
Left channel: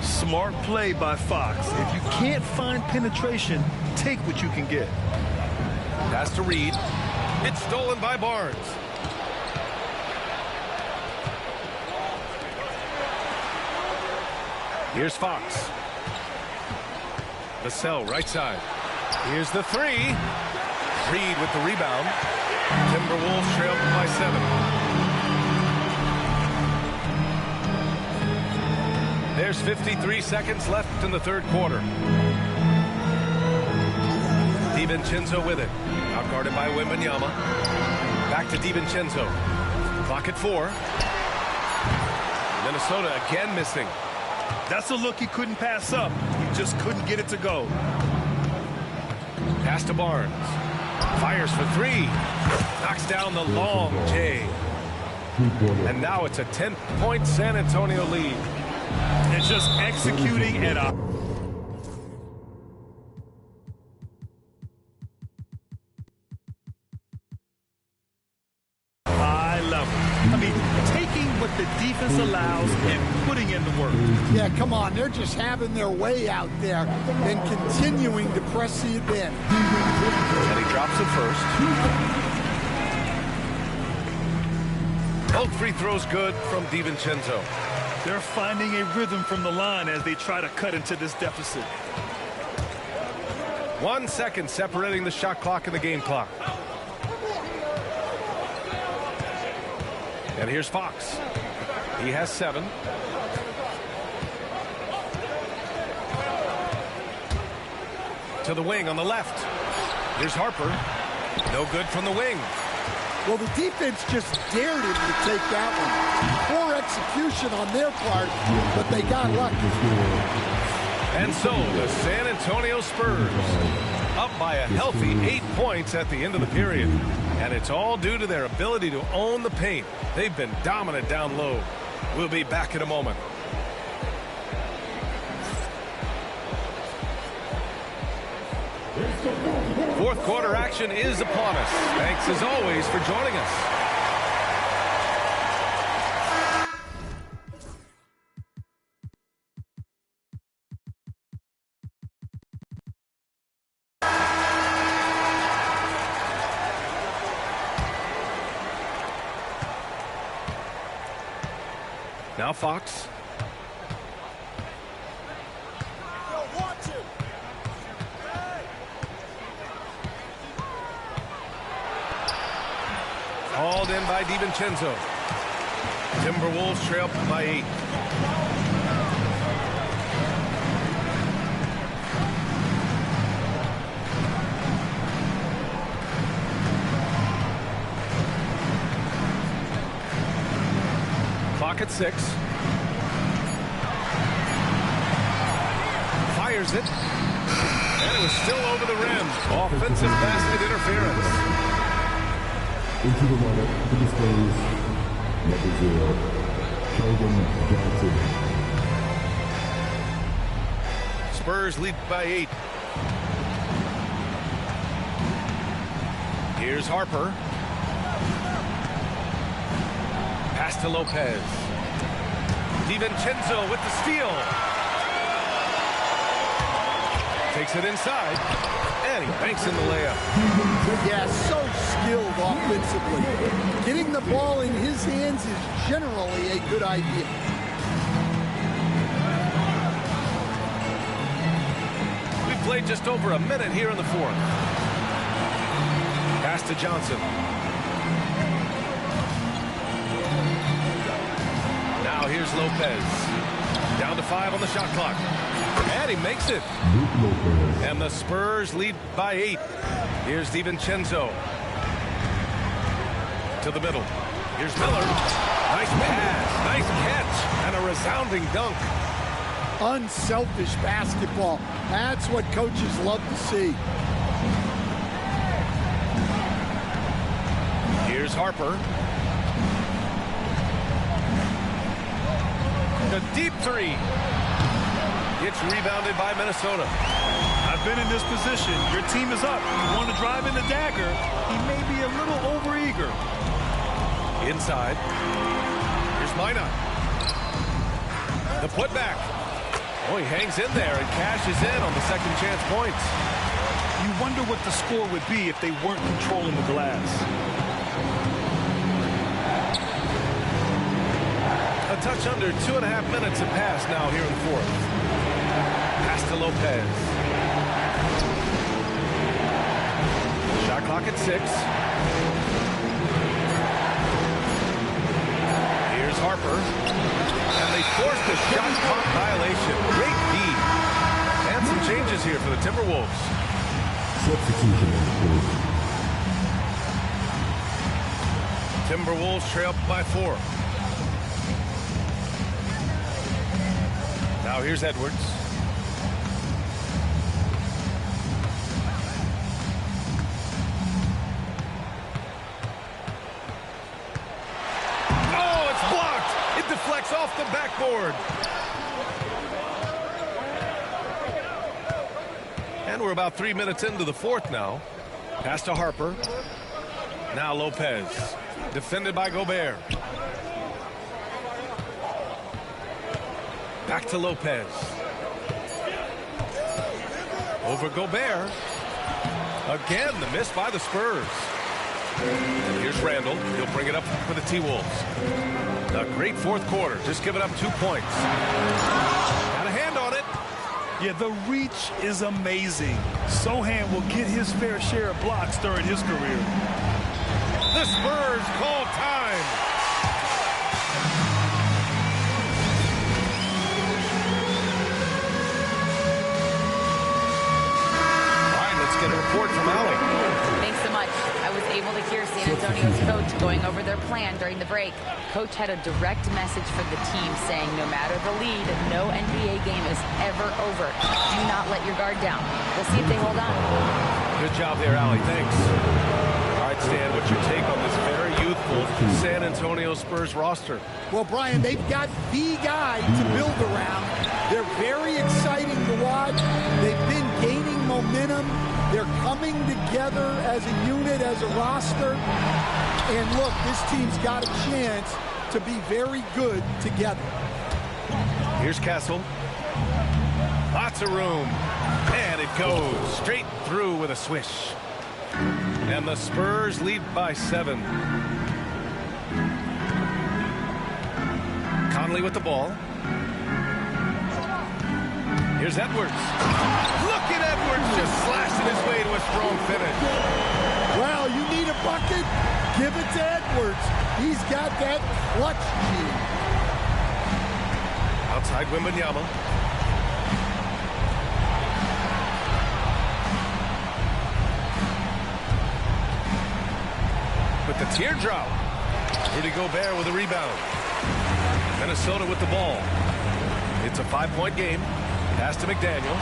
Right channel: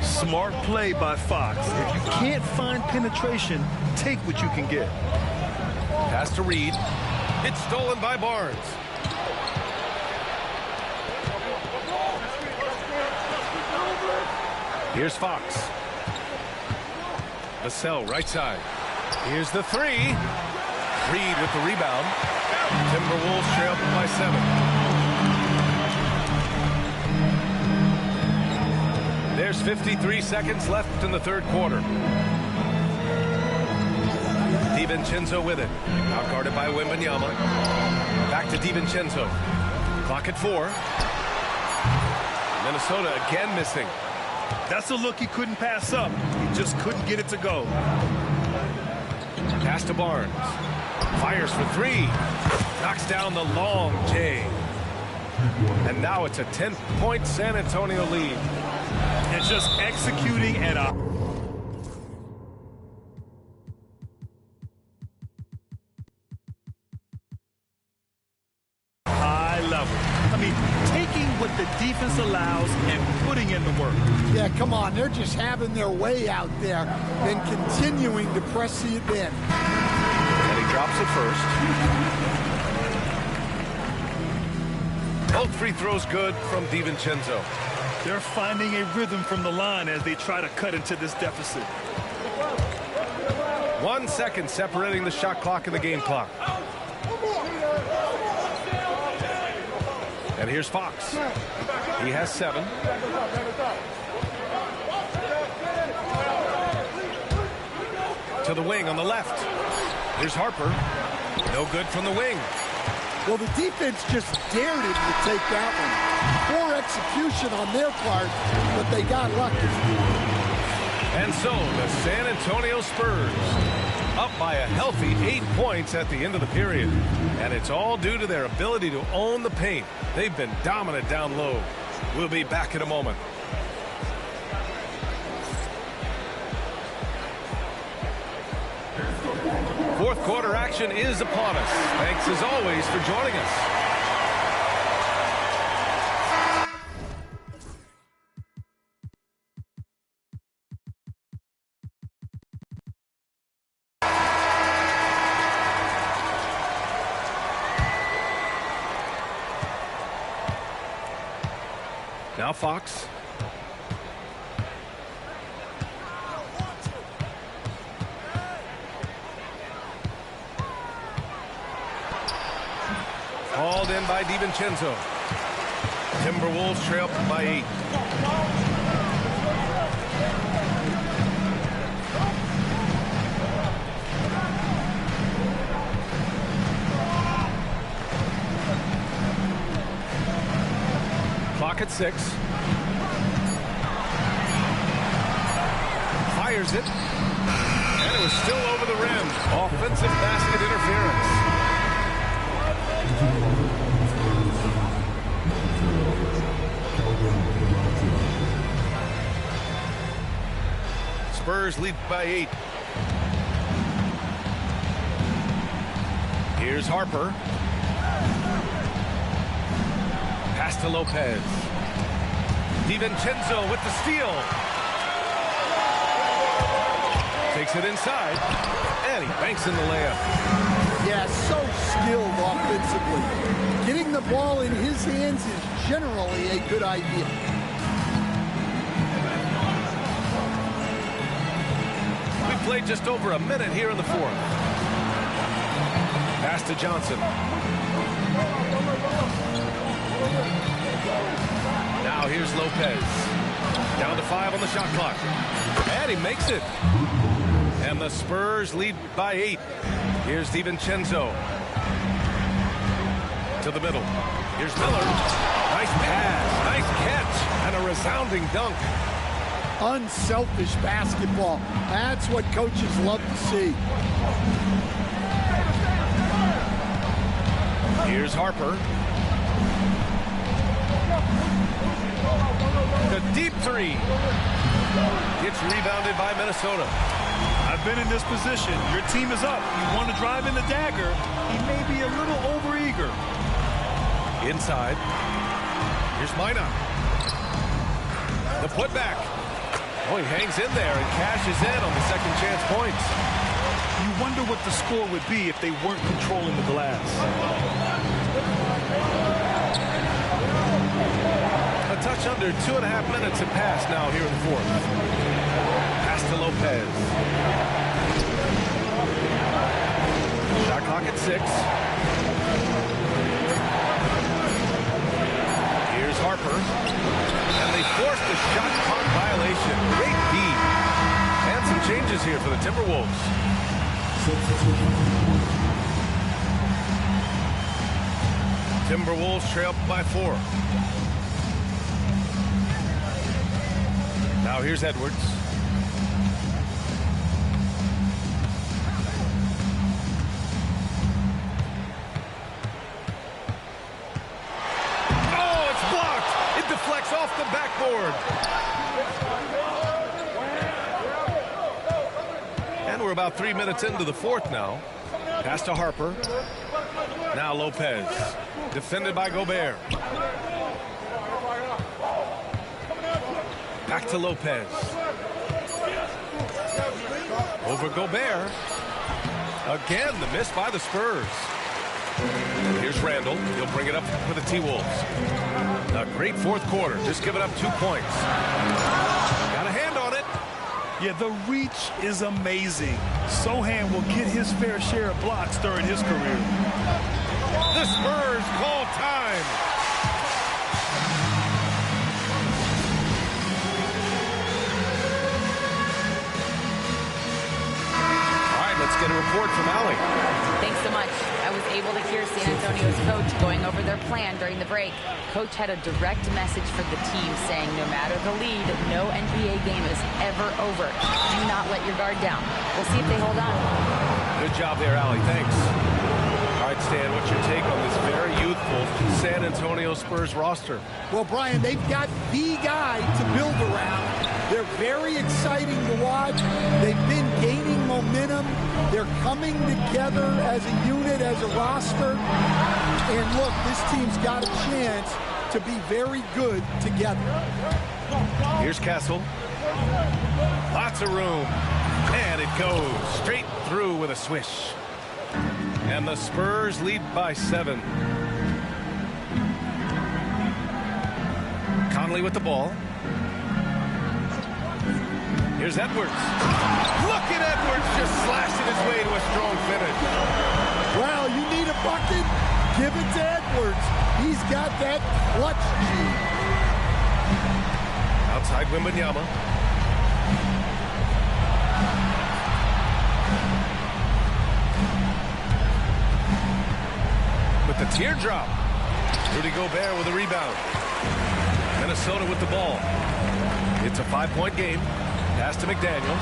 Smart play by Fox. If you can't find penetration, take what you can get. Pass to Reed. It's stolen by Barnes. Here's Fox. Vassell, right side. Here's the three. Reed with the rebound. Timberwolves trail by 7. There's 53 seconds left in the third quarter. DiVincenzo with it. Outguarded by Wembanyama. Back to DiVincenzo. Clock at 4. Minnesota again missing. That's a look he couldn't pass up. He just couldn't get it to go. Pass to Barnes. Fires for 3. Knocks down the long J. And now it's a 10-point San Antonio lead. And just executing at a high level. I mean, taking what the defense allows and putting in the work. Yeah, come on. They're just having their way out there and continuing to press it in. And he drops it first. Both free throws good from DiVincenzo. They're finding a rhythm from the line as they try to cut into this deficit. 1 second separating the shot clock and the game clock. And here's Fox. He has 7. To the wing on the left. Here's Harper. No good from the wing. Well, the defense just dared him to take that one. Poor execution on their part, but they got lucky. And so the San Antonio Spurs up by a healthy 8 points at the end of the period. And it's all due to their ability to own the paint. They've been dominant down low. We'll be back in a moment. Fourth quarter action is upon us. Thanks as always for joining us. Now Fox. Hauled in by DiVincenzo. Timberwolves trail by 8. Clock at 6. Fires it. And it was still over the rim. Offensive basket interference. Into the line for the Spurs, number 0, Keldon Johnson. Spurs lead by 8. Here's Harper. Pass to Lopez. DiVincenzo with the steal. Takes it inside. And he banks in the layup. Yeah, so skilled offensively. Getting the ball in his hands is generally a good idea. We've played just over a minute here in the fourth. Pass to Johnson. Now here's Lopez. Down to 5 on the shot clock. And he makes it. And the Spurs lead by 8. Here's DiVincenzo. To the middle. Here's Miller. Nice pass. Nice catch. And a resounding dunk. Unselfish basketball. That's what coaches love to see. Here's Harper. The deep three. It's rebounded by Minnesota. I've been in this position. Your team is up. You want to drive in the dagger. He may be a little overeager. Inside. Here's Minot. The putback. Oh, he hangs in there and cashes in on the second chance points. You wonder what the score would be if they weren't controlling the glass. A touch under 2.5 minutes have passed now here in the fourth. Pass to Lopez. Shot clock at 6. Here's Harper. And they forced the shot clock violation. Great D. And some changes here for the Timberwolves. Substitution. Timberwolves trail by 4. Now here's Edwards. Oh, it's blocked. It deflects off the backboard. And we're about 3 minutes into the fourth now. Pass to Harper. Now Lopez. Defended by Gobert. Back to Lopez. Over Gobert. Again, the miss by the Spurs. And here's Randall. He'll bring it up for the T-Wolves. A great fourth quarter. Just giving up 2 points. Got a hand on it. Yeah, the reach is amazing. Sohan will get his fair share of blocks during his career. The Spurs call time. Let's get a report from Allie. Thanks so much. I was able to hear San Antonio's coach going over their plan during the break. Coach had a direct message for the team saying no matter the lead, no NBA game is ever over. Do not let your guard down. We'll see if they hold on. Good job there, Allie. Thanks. All right, Stan, what's your take on this very youthful San Antonio Spurs roster? Well, Brian, they've got the guy to build around. They're very exciting to watch. They've been gaining momentum. They're coming together as a unit, as a roster. And look, this team's got a chance to be very good together. Here's Castle. Lots of room. And it goes straight through with a swish. And the Spurs lead by 7. Conley with the ball. Here's Edwards. Look at Edwards just slashing his way to a strong finish. Well, you need a bucket? Give it to Edwards. He's got that clutch gene. Outside Wembanyama. With the teardrop. Rudy Gobert with a rebound. Minnesota with the ball. It's a 5-point game. Pass to McDaniels.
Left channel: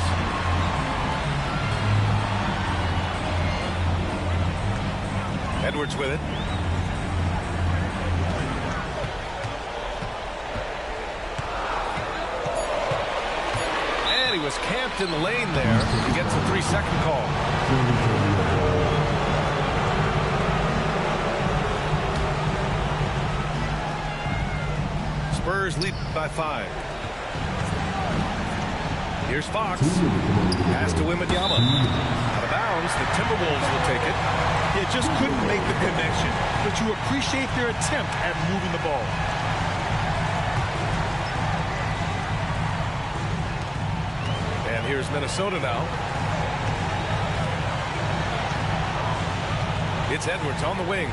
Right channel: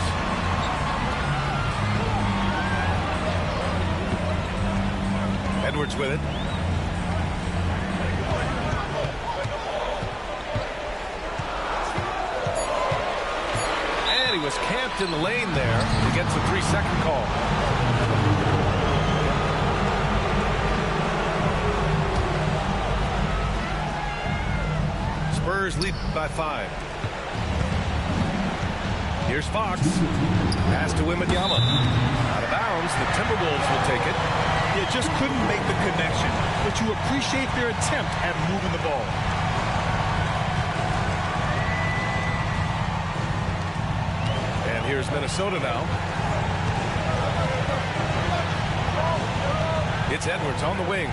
Edwards with it. And he was camped in the lane there. He gets a 3-second call. Spurs lead by 5. Here's Fox. Pass to Wembanyama. Out of bounds. The Timberwolves will take it. Yeah, just couldn't make the connection. But you appreciate their attempt at moving the ball. And here's Minnesota now. It's Edwards on the wing.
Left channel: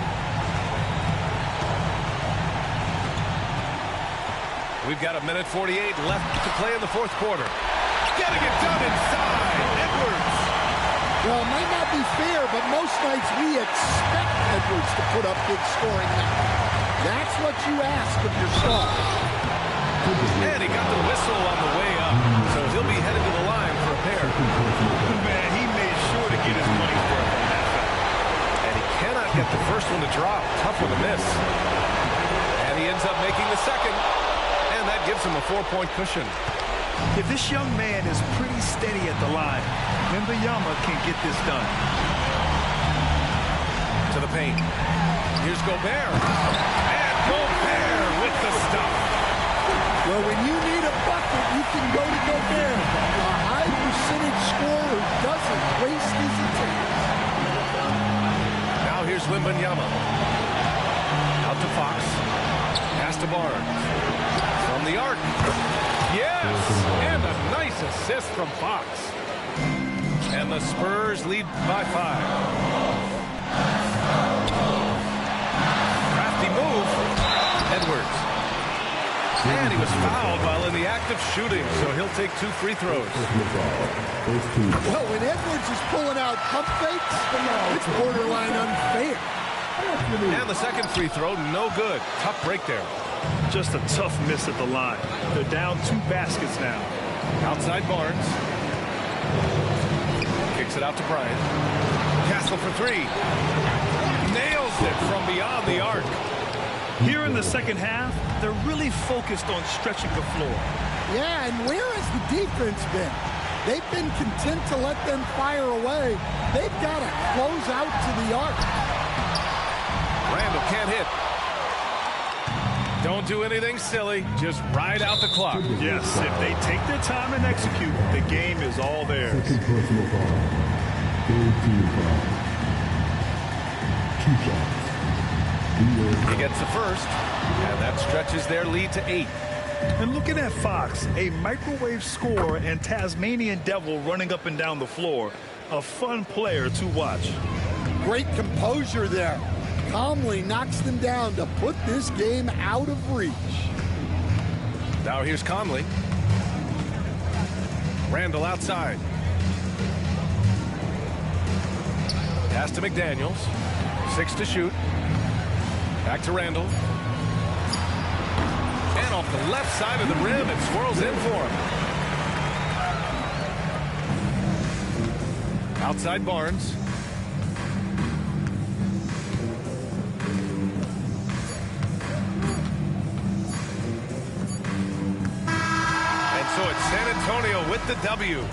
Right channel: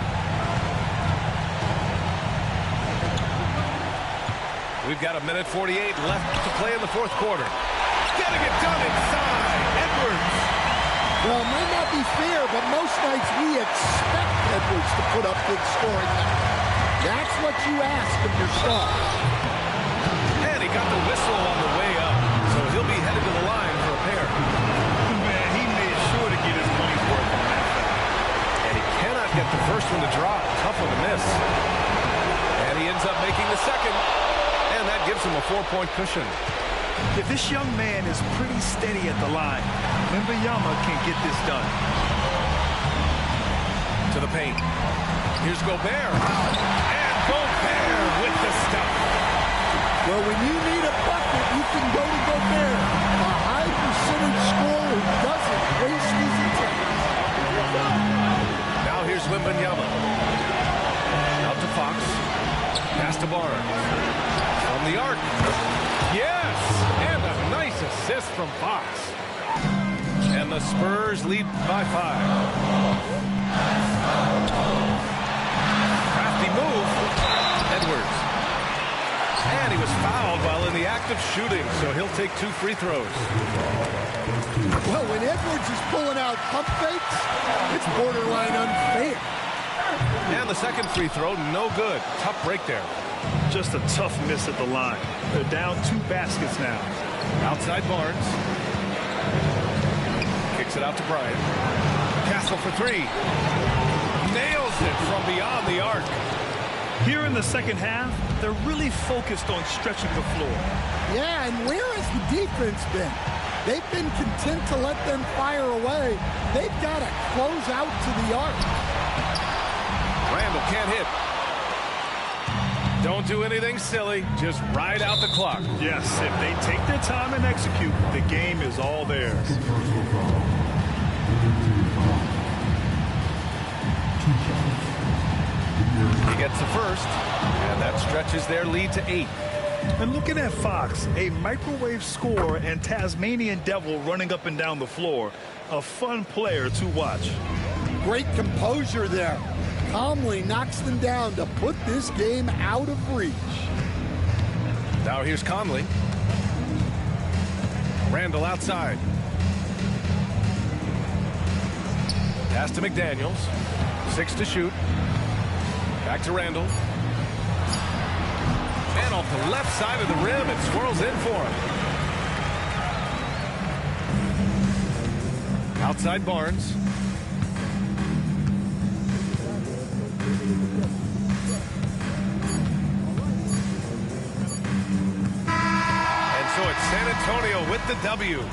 We've got 1:48 left to play in the fourth quarter. Getting it done inside. Edwards. Well, it might not be fair, but most nights we expect Edwards to put up big scoring numbers. That's what you ask of your star. And he got the whistle on the way up, so he'll be headed to the line for a pair. Man, he made sure to get his money's worth on that foul. And he cannot get the first one to drop. Tough one to miss. And he ends up making the second. And that gives him a 4-point cushion. If this young man is pretty steady at the line, Wembanyama can get this done. To the paint. Here's Gobert. And Gobert with the stuff. Well, when you need a bucket, you can go to Gobert. A high percentage scorer who doesn't waste his attempts. Now here's Wembanyama. Out to Fox. Pass to Barnes. From the arc. Yes! And a nice assist from Fox. And the Spurs lead by 5. Crafty move. Edwards. And he was fouled while in the act of shooting, so he'll take 2 free throws. Well, when Edwards is pulling out pump fakes, it's borderline unfair. And the second free throw, no good. Tough break there. Just a tough miss at the line. They're down 2 baskets now. Outside Barnes. Kicks it out to Bryant. Castle for 3. Nails it from beyond the arc. Here in the second half, they're really focused on stretching the floor. Yeah, and where has the defense been? They've been content to let them fire away. They've got to close out to the arc. Randall can't hit. Don't do anything silly. Just ride out the clock. Yes, if they take their time and execute, the game is all theirs. Second personal foul. Third team foul. 2 shots. He gets the first, and that stretches their lead to 8. And looking at Fox, a microwave scorer and Tasmanian Devil running up and down the floor. A fun player to watch. Great composure there. Calmly knocks them down to put this game out of reach. Now here's Conley. Randall outside. Pass to McDaniels. 6 to shoot. Back to Randall. And off the left side of the rim, it swirls in for him. Outside Barnes. So it's San Antonio with the W.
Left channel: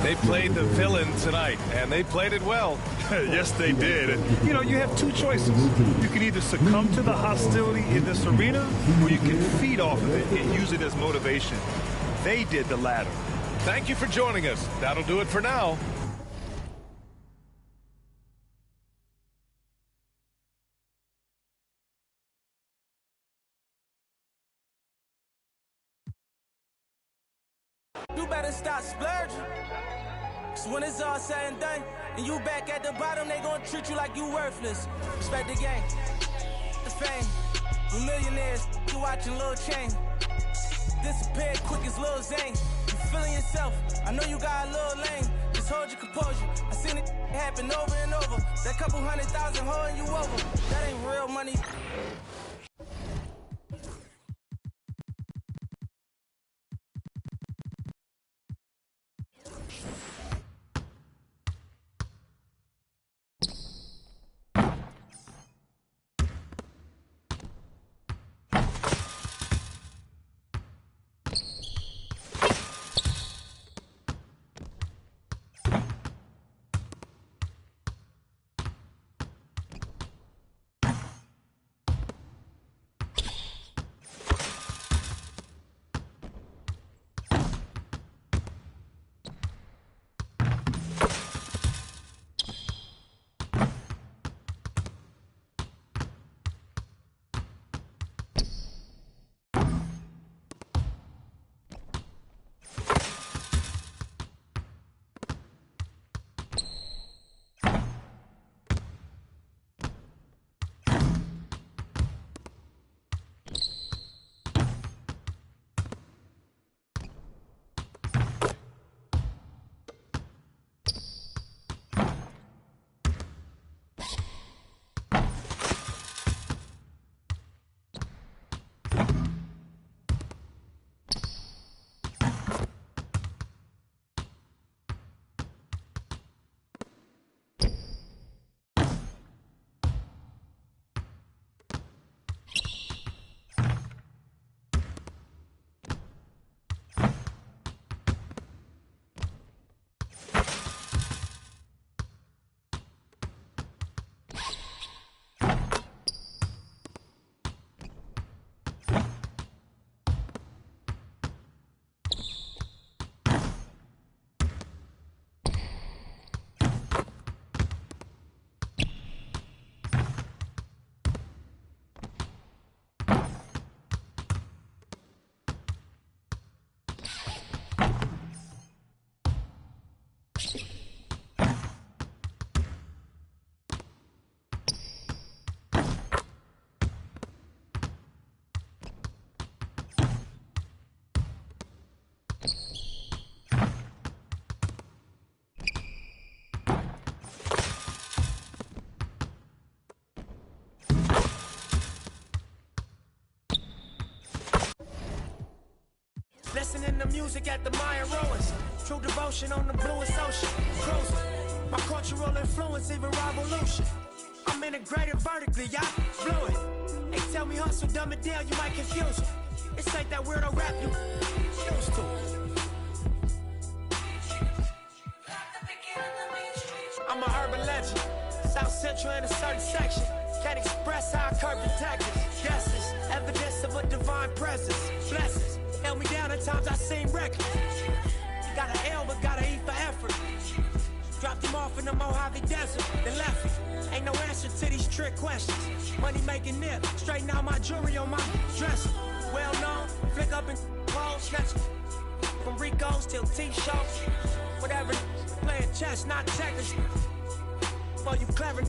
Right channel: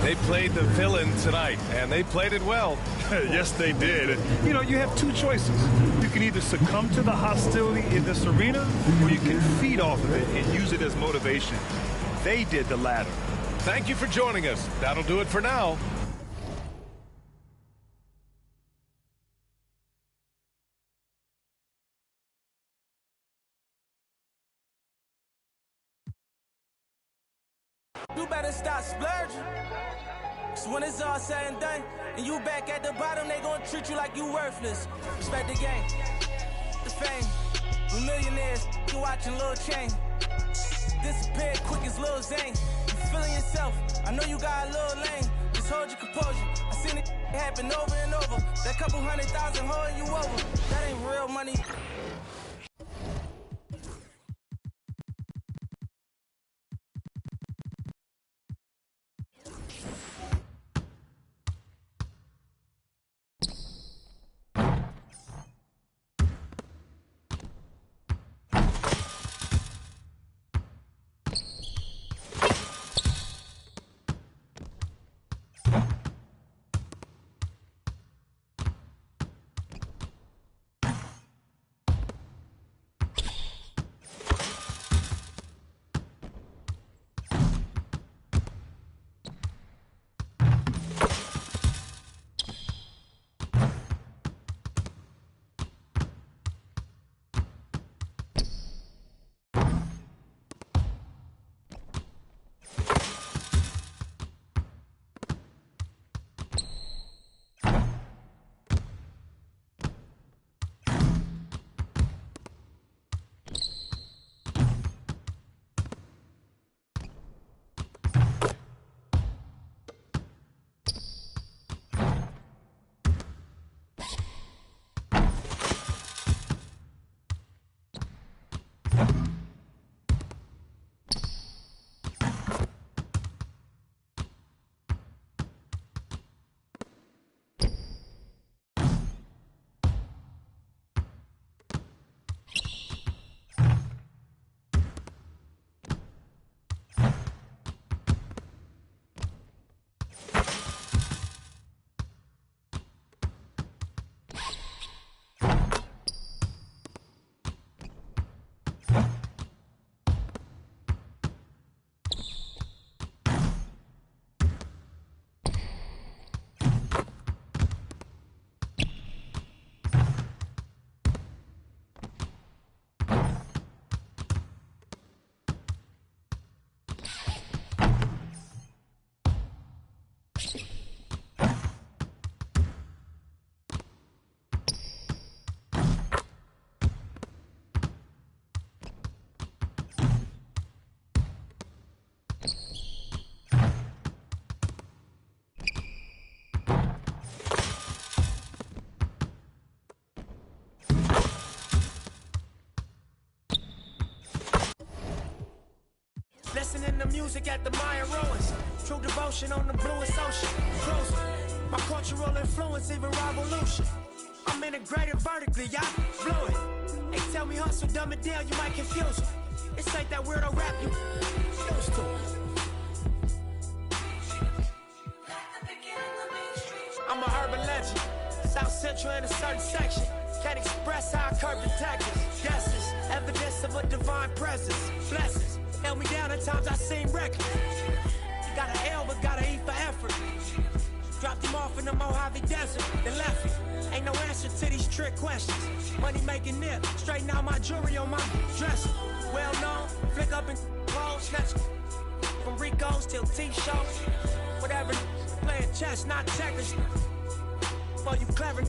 They played the villain tonight, and they played it well. Yes, they did. You know, you have 2 choices. You can either succumb to the hostility in this arena, or you can feed off of it and use it as motivation. They did the latter. Thank you for joining us. That'll do it for now. You better stop splurging. So when it's all said and done, and you back at the bottom, they gonna treat you like you worthless. Respect the game, the fame. We millionaires, you watching Lil Chain. Disappeared quick as Lil Zane. You feeling yourself, I know you got a little lane. Just hold your composure, I seen it happen over and over. That couple 100,000 holding you over, that ain't real money. listening to music at the Mayan ruins. True devotion on the bluest ocean. Cruising. My cultural influence, even revolution. I'm integrated vertically, y'all blew it. They tell me hustle, dumb it down, you might confuse them. It's like that weirdo rap you used to. I'm a urban legend. South Central in a certain section. Can't express how I curb detectives. Guesses, evidence of a divine presence. Blessings, held me down at times I seem reckless. You got an L but gotta eat for effort. Dropped him off in the Mojave Desert, then left him. Ain't no answer to these trick questions. Money making nip, straighten out my jewelry on my dresser. Well known, flick up and roll, snatch from Rico's till T-shows. Whatever, playing chess, not checkers. For you clever